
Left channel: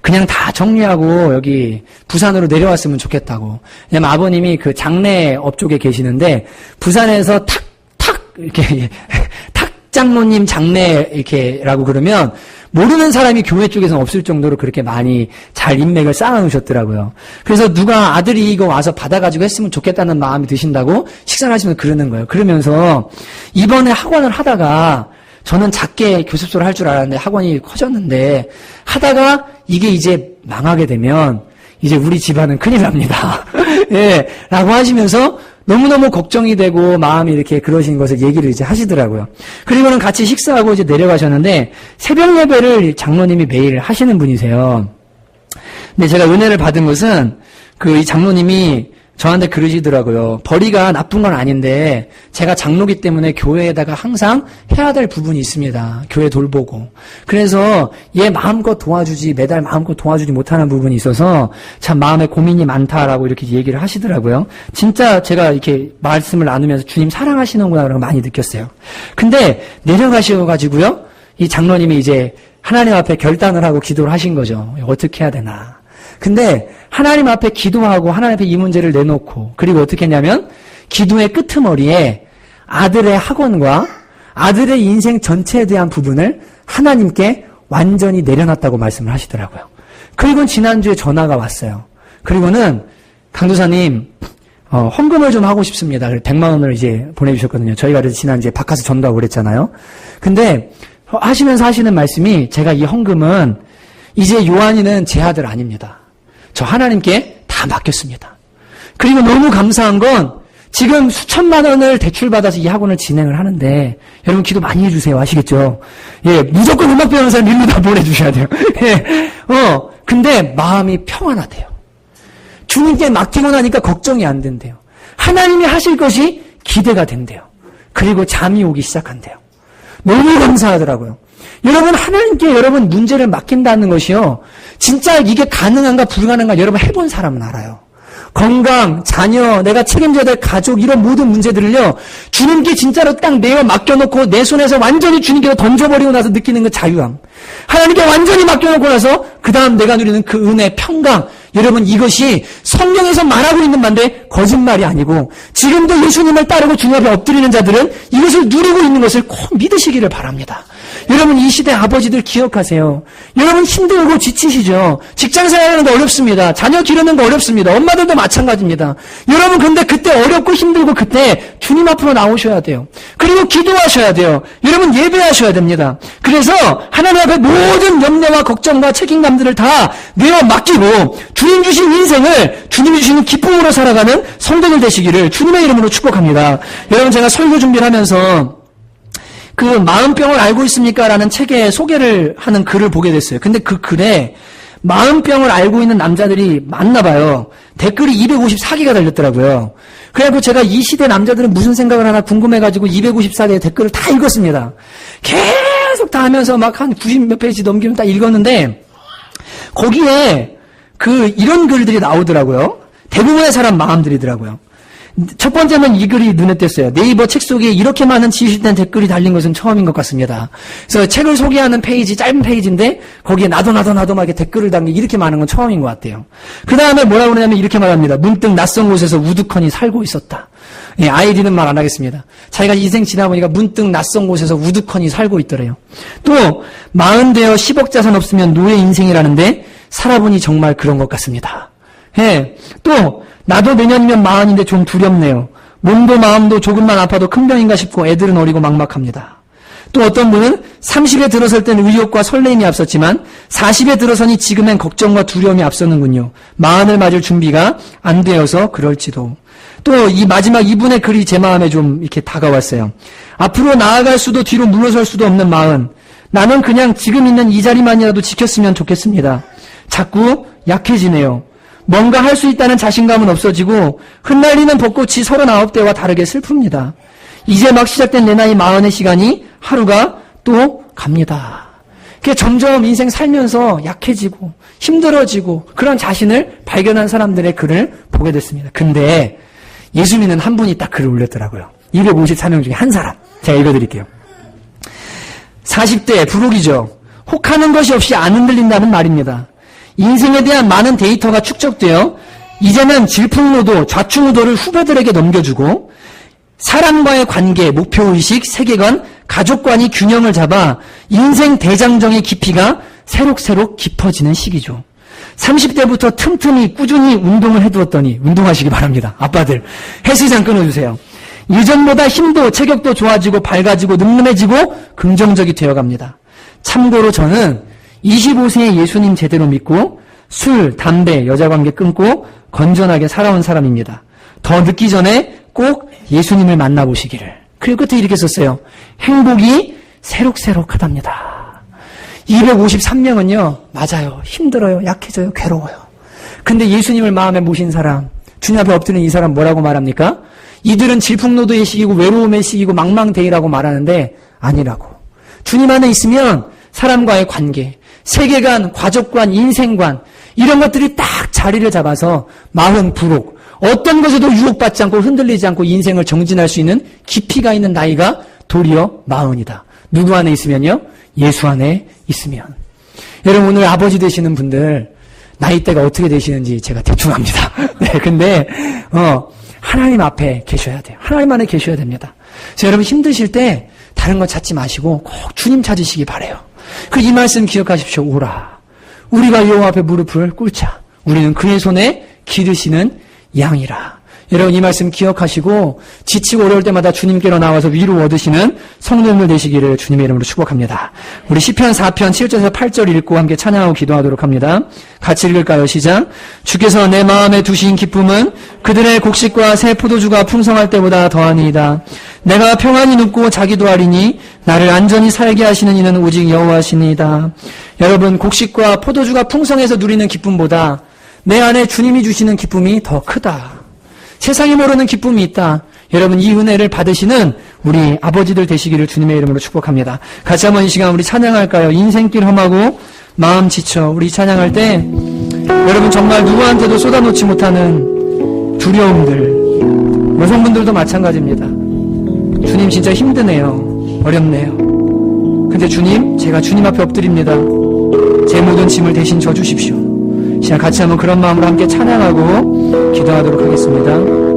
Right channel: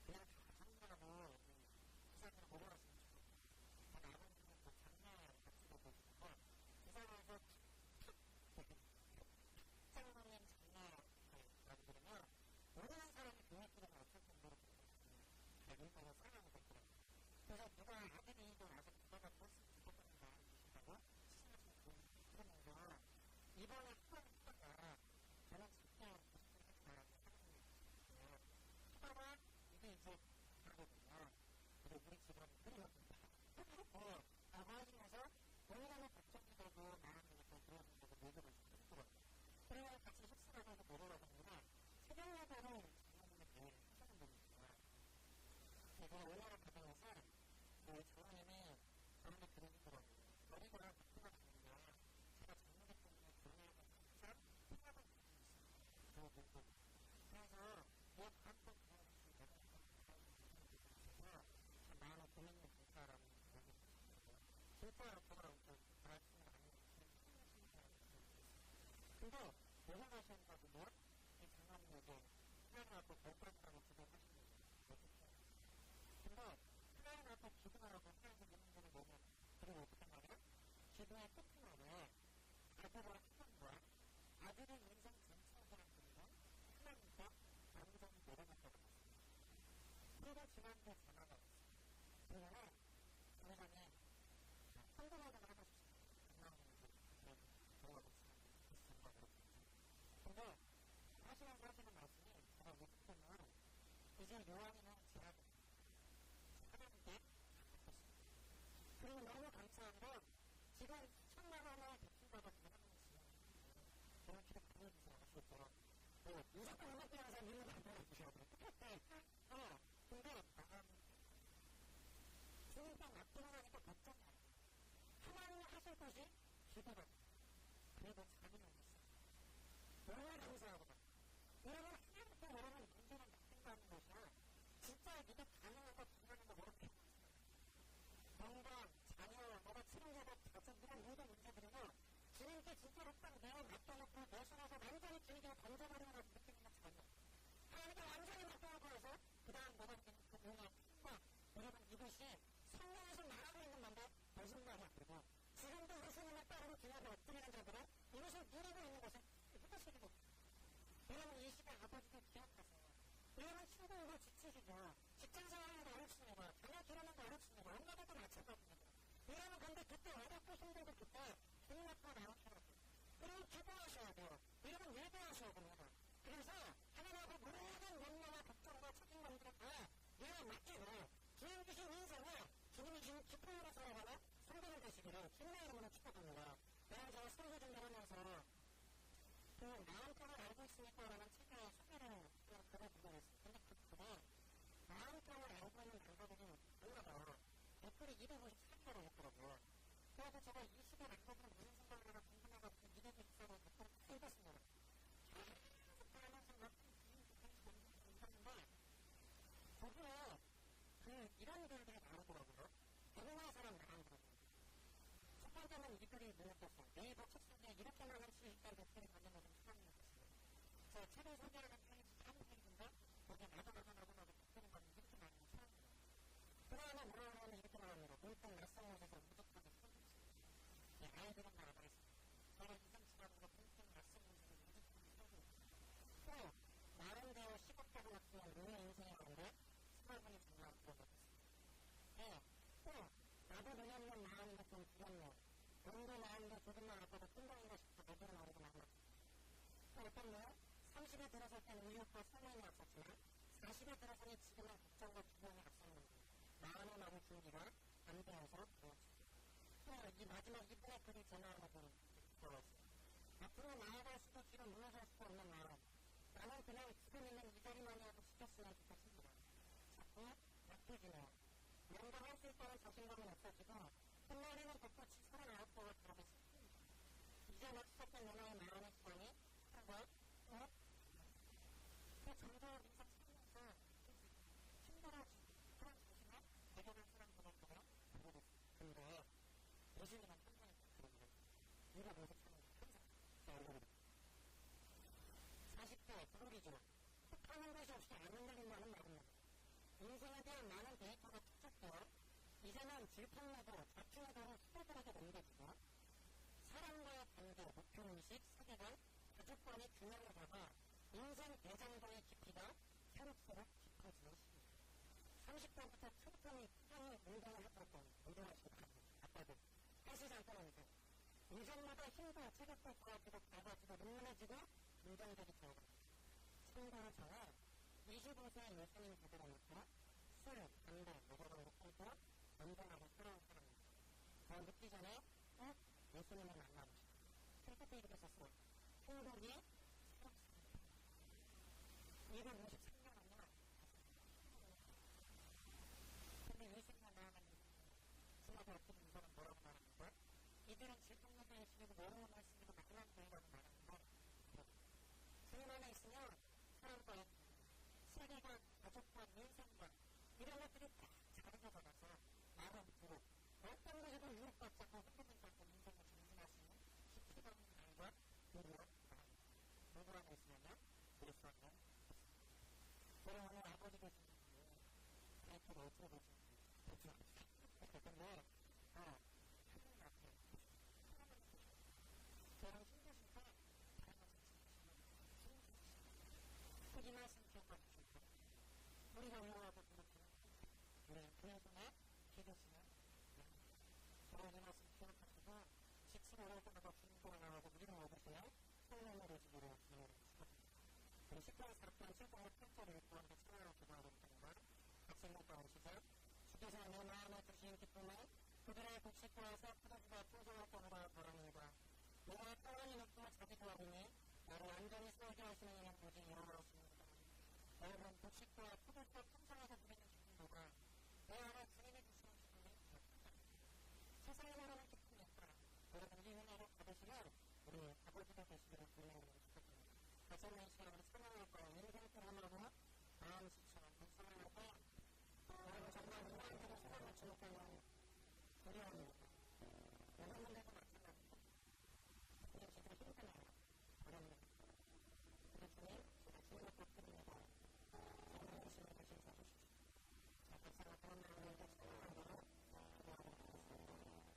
그냥 다 정리하고 여기 부산으로 내려왔으면 좋겠다고. 왜냐면 아버님이 장례업 쪽에 계시는데 부산에서 이렇게 탁 장로님 장례 이렇게라고 그러면 모르는 사람이 교회 쪽에서는 없을 정도로 그렇게 많이 잘 인맥을 쌓아놓으셨더라고요. 그래서 누가 아들이 이거 와서 받아가지고 했으면 좋겠다는 마음이 드신다고 식사를 하시면서 그러는 거예요. 그러면서 이번에 학원을 하다가 저는 작게 교습소를 할 줄 알았는데 학원이 커졌는데 하다가 이게 이제 망하게 되면 이제 우리 집안은 큰일 납니다. 예, 라고 하시면서 너무너무 걱정이 되고 마음이 이렇게 그러신 것을 얘기를 이제 하시더라고요. 그리고는 같이 식사하고 이제 내려가셨는데 새벽 예배를 장로님이 매일 하시는 분이세요. 근데 제가 은혜를 받은 것은 이 장로님이 저한테 그러시더라고요. 벌이가 나쁜 건 아닌데 제가 장로기 때문에 교회에다가 항상 해야 될 부분이 있습니다. 교회 돌보고. 그래서 얘 마음껏 도와주지 매달 마음껏 도와주지 못하는 부분이 있어서 참 마음에 고민이 많다라고 이렇게 얘기를 하시더라고요. 진짜 제가 이렇게 말씀을 나누면서 주님 사랑하시는구나 그런 거 많이 느꼈어요. 근데 내려가셔가지고요. 이 장로님이 이제 하나님 앞에 결단을 하고 기도를 하신 거죠. 어떻게 해야 되나. 근데 하나님 앞에 기도하고 하나님 앞에 이 문제를 내놓고 그리고 어떻게 했냐면 기도의 끄트머리에 아들의 학원과 아들의 인생 전체에 대한 부분을 하나님께 완전히 내려놨다고 말씀을 하시더라고요. 그리고 지난주에 전화가 왔어요. 그리고는 강도사님 헌금을 좀 하고 싶습니다. 100만 원을 이제 보내주셨거든요. 저희가 그래서 지난주에 바카스 전도하고 그랬잖아요. 근데 하시면서 하시는 말씀이 제가 이 헌금은 이제 요한이는 제 아들 아닙니다. 저 하나님께 다 맡겼습니다. 그리고 너무 감사한 건 지금 수천만 원을 대출받아서 이 학원을 진행을 하는데 여러분 기도 많이 해주세요. 아시겠죠? 예, 무조건 음악 배우는 사람 일로 다 보내주셔야 돼요. 예, 근데 마음이 평안하대요. 주님께 맡기고 나니까 걱정이 안 된대요. 하나님이 하실 것이 기대가 된대요. 그리고 잠이 오기 시작한대요. 너무 감사하더라고요. 여러분 하나님께 여러분 문제를 맡긴다는 것이요. 진짜 이게 가능한가 불가능한가 여러분 해본 사람은 알아요. 건강, 자녀, 내가 책임져야 될 가족 이런 모든 문제들을요. 주님께 진짜로 딱 내어 맡겨놓고 내 손에서 완전히 주님께 던져버리고 나서 느끼는 그 자유함. 하나님께 완전히 맡겨놓고 나서 그 다음 내가 누리는 그 은혜, 평강. 여러분 이것이 성경에서 말하고 있는 말인데 거짓말이 아니고 지금도 예수님을 따르고 주님 앞에 엎드리는 자들은 이것을 누리고 있는 것을 꼭 믿으시기를 바랍니다. 여러분 이 시대 아버지들 기억하세요. 여러분 힘들고 지치시죠. 직장 생활하는 거 어렵습니다. 자녀 기르는 거 어렵습니다. 엄마들도 마찬가지입니다. 여러분 근데 그때 어렵고 힘들고 그때 주님 앞으로 나오셔야 돼요. 그리고 기도하셔야 돼요. 여러분 예배하셔야 됩니다. 그래서 하나님 앞에 모든 염려와 걱정과 책임감들을 다 내어 맡기고 주님 주신 인생을 주님이 주시는 기쁨으로 살아가는 성도들 되시기를 주님의 이름으로 축복합니다. 여러분 제가 설교 준비를 하면서 그 마음병을 알고 있습니까? 라는 책에 소개를 하는 글을 보게 됐어요. 근데 그 글에 마음병을 알고 있는 남자들이 많나 봐요. 댓글이 254개가 달렸더라고요. 그래갖고 제가 이 시대 남자들은 무슨 생각을 하나 궁금해가지고 254개의 댓글을 다 읽었습니다. 계속 다 하면서 막 한 90몇 페이지 넘기면 다 읽었는데 거기에 이런 글들이 나오더라고요. 대부분의 사람 마음들이더라고요. 첫 번째는 이 글이 눈에 띄었어요. 네이버 책 속에 이렇게 많은 지식된 댓글이 달린 것은 처음인 것 같습니다. 그래서 책을 소개하는 페이지, 짧은 페이지인데 거기에 나도 막 이렇게 댓글을 담기 이렇게 많은 건 처음인 것 같아요. 그 다음에 뭐라고 그러냐면 이렇게 말합니다. 문득 낯선 곳에서 우두커니 살고 있었다. 예, 아이디는 말 안 하겠습니다. 자기가 인생 지나보니까 문득 낯선 곳에서 우두커니 살고 있더래요. 또 40되어 10억 자산 없으면 노예 인생이라는데 살아보니 정말 그런 것 같습니다. 예, 또 나도 내년이면 40인데 좀 두렵네요. 몸도 마음도 조금만 아파도 큰 병인가 싶고 애들은 어리고 막막합니다. 또 어떤 분은 30에 들어설 때는 의욕과 설레임이 앞섰지만 40에 들어서니 지금엔 걱정과 두려움이 앞서는군요. 40을 맞을 준비가 안 되어서 그럴지도. 또 이 마지막 이분의 글이 제 마음에 좀 이렇게 다가왔어요. 앞으로 나아갈 수도 뒤로 물러설 수도 없는 40. 나는 그냥 지금 있는 이 자리만이라도 지켰으면 좋겠습니다. 자꾸 약해지네요. 뭔가 할 수 있다는 자신감은 없어지고 흩날리는 벚꽃이 39대와 다르게 슬픕니다. 이제 막 시작된 내 나이 40의 시간이 하루가 또 갑니다. 그게 점점 인생 살면서 약해지고 힘들어지고 그런 자신을 발견한 사람들의 글을 보게 됐습니다. 근데 예수 믿는 한 분이 딱 글을 올렸더라고요. 254명 중에 한 사람. 제가 읽어드릴게요. 40대 부록이죠. 혹하는 것이 없이 안 흔들린다는 말입니다. 인생에 대한 많은 데이터가 축적되어 이제는 질풍노도, 좌충우도를 후배들에게 넘겨주고 사람과의 관계, 목표의식, 세계관, 가족관이 균형을 잡아 인생 대장정의 깊이가 새록새록 깊어지는 시기죠. 30대부터 틈틈이 꾸준히 운동을 해두었더니 운동하시기 바랍니다. 아빠들 헬스장 끊어주세요. 예전보다 힘도 체격도 좋아지고 밝아지고 늠름해지고 긍정적이 되어갑니다. 참고로 저는 25세에 예수님 제대로 믿고 술, 담배, 여자관계 끊고 건전하게 살아온 사람입니다. 더 늦기 전에 꼭 예수님을 만나보시기를. 그리고 끝에 이렇게 썼어요. 행복이 새록새록하답니다. 253명은요. 맞아요. 힘들어요. 약해져요. 괴로워요. 근데 예수님을 마음에 모신 사람 주님 앞에 엎드린 이 사람 뭐라고 말합니까? 이들은 질풍노도의 시기고 외로움의 시기고 망망대해라고 말하는데 아니라고. 주님 안에 있으면 사람과의 관계, 세계관, 가족관, 인생관 이런 것들이 딱 자리를 잡아서 마흔, 부록 어떤 것에도 유혹받지 않고 흔들리지 않고 인생을 정진할 수 있는 깊이가 있는 나이가 도리어 마흔이다. 누구 안에 있으면요? 예수 안에 있으면. 여러분 오늘 아버지 되시는 분들 나이대가 어떻게 되시는지 제가 대충 압니다. 네, 근데 하나님 앞에 계셔야 돼요. 하나님 안에 계셔야 됩니다. 그래서 여러분 힘드실 때 다른 거 찾지 마시고 꼭 주님 찾으시기 바라요. 그 이 말씀 기억하십시오. 오라. 우리가 여호와 앞에 무릎을 꿇자. 우리는 그의 손에 기르시는 양이라. 여러분 이 말씀 기억하시고 지치고 어려울 때마다 주님께로 나와서 위로 얻으시는 성도님들 되시기를 주님의 이름으로 축복합니다. 우리 시편 4편 7절에서 8절 읽고 함께 찬양하고 기도하도록 합니다. 같이 읽을까요? 시작. 주께서 내 마음에 두신 기쁨은 그들의 곡식과 새 포도주가 풍성할 때보다 더하니이다. 내가 평안히 눕고 자기도 하리니 나를 안전히 살게 하시는 이는 오직 여호와시니이다. 여러분 곡식과 포도주가 풍성해서 누리는 기쁨보다 내 안에 주님이 주시는 기쁨이 더 크다. 세상이 모르는 기쁨이 있다. 여러분 이 은혜를 받으시는 우리 아버지들 되시기를 주님의 이름으로 축복합니다. 같이 한번 이 시간 우리 찬양할까요? 인생길 험하고 마음 지쳐. 우리 찬양할 때 여러분 정말 누구한테도 쏟아놓지 못하는 두려움들, 여성분들도 마찬가지입니다. 주님 진짜 힘드네요. 어렵네요. 근데 주님, 제가 주님 앞에 엎드립니다. 제 모든 짐을 대신 져주십시오. 시간 같이 한번 그런 마음으로 함께 찬양하고 기도하도록 하겠습니다.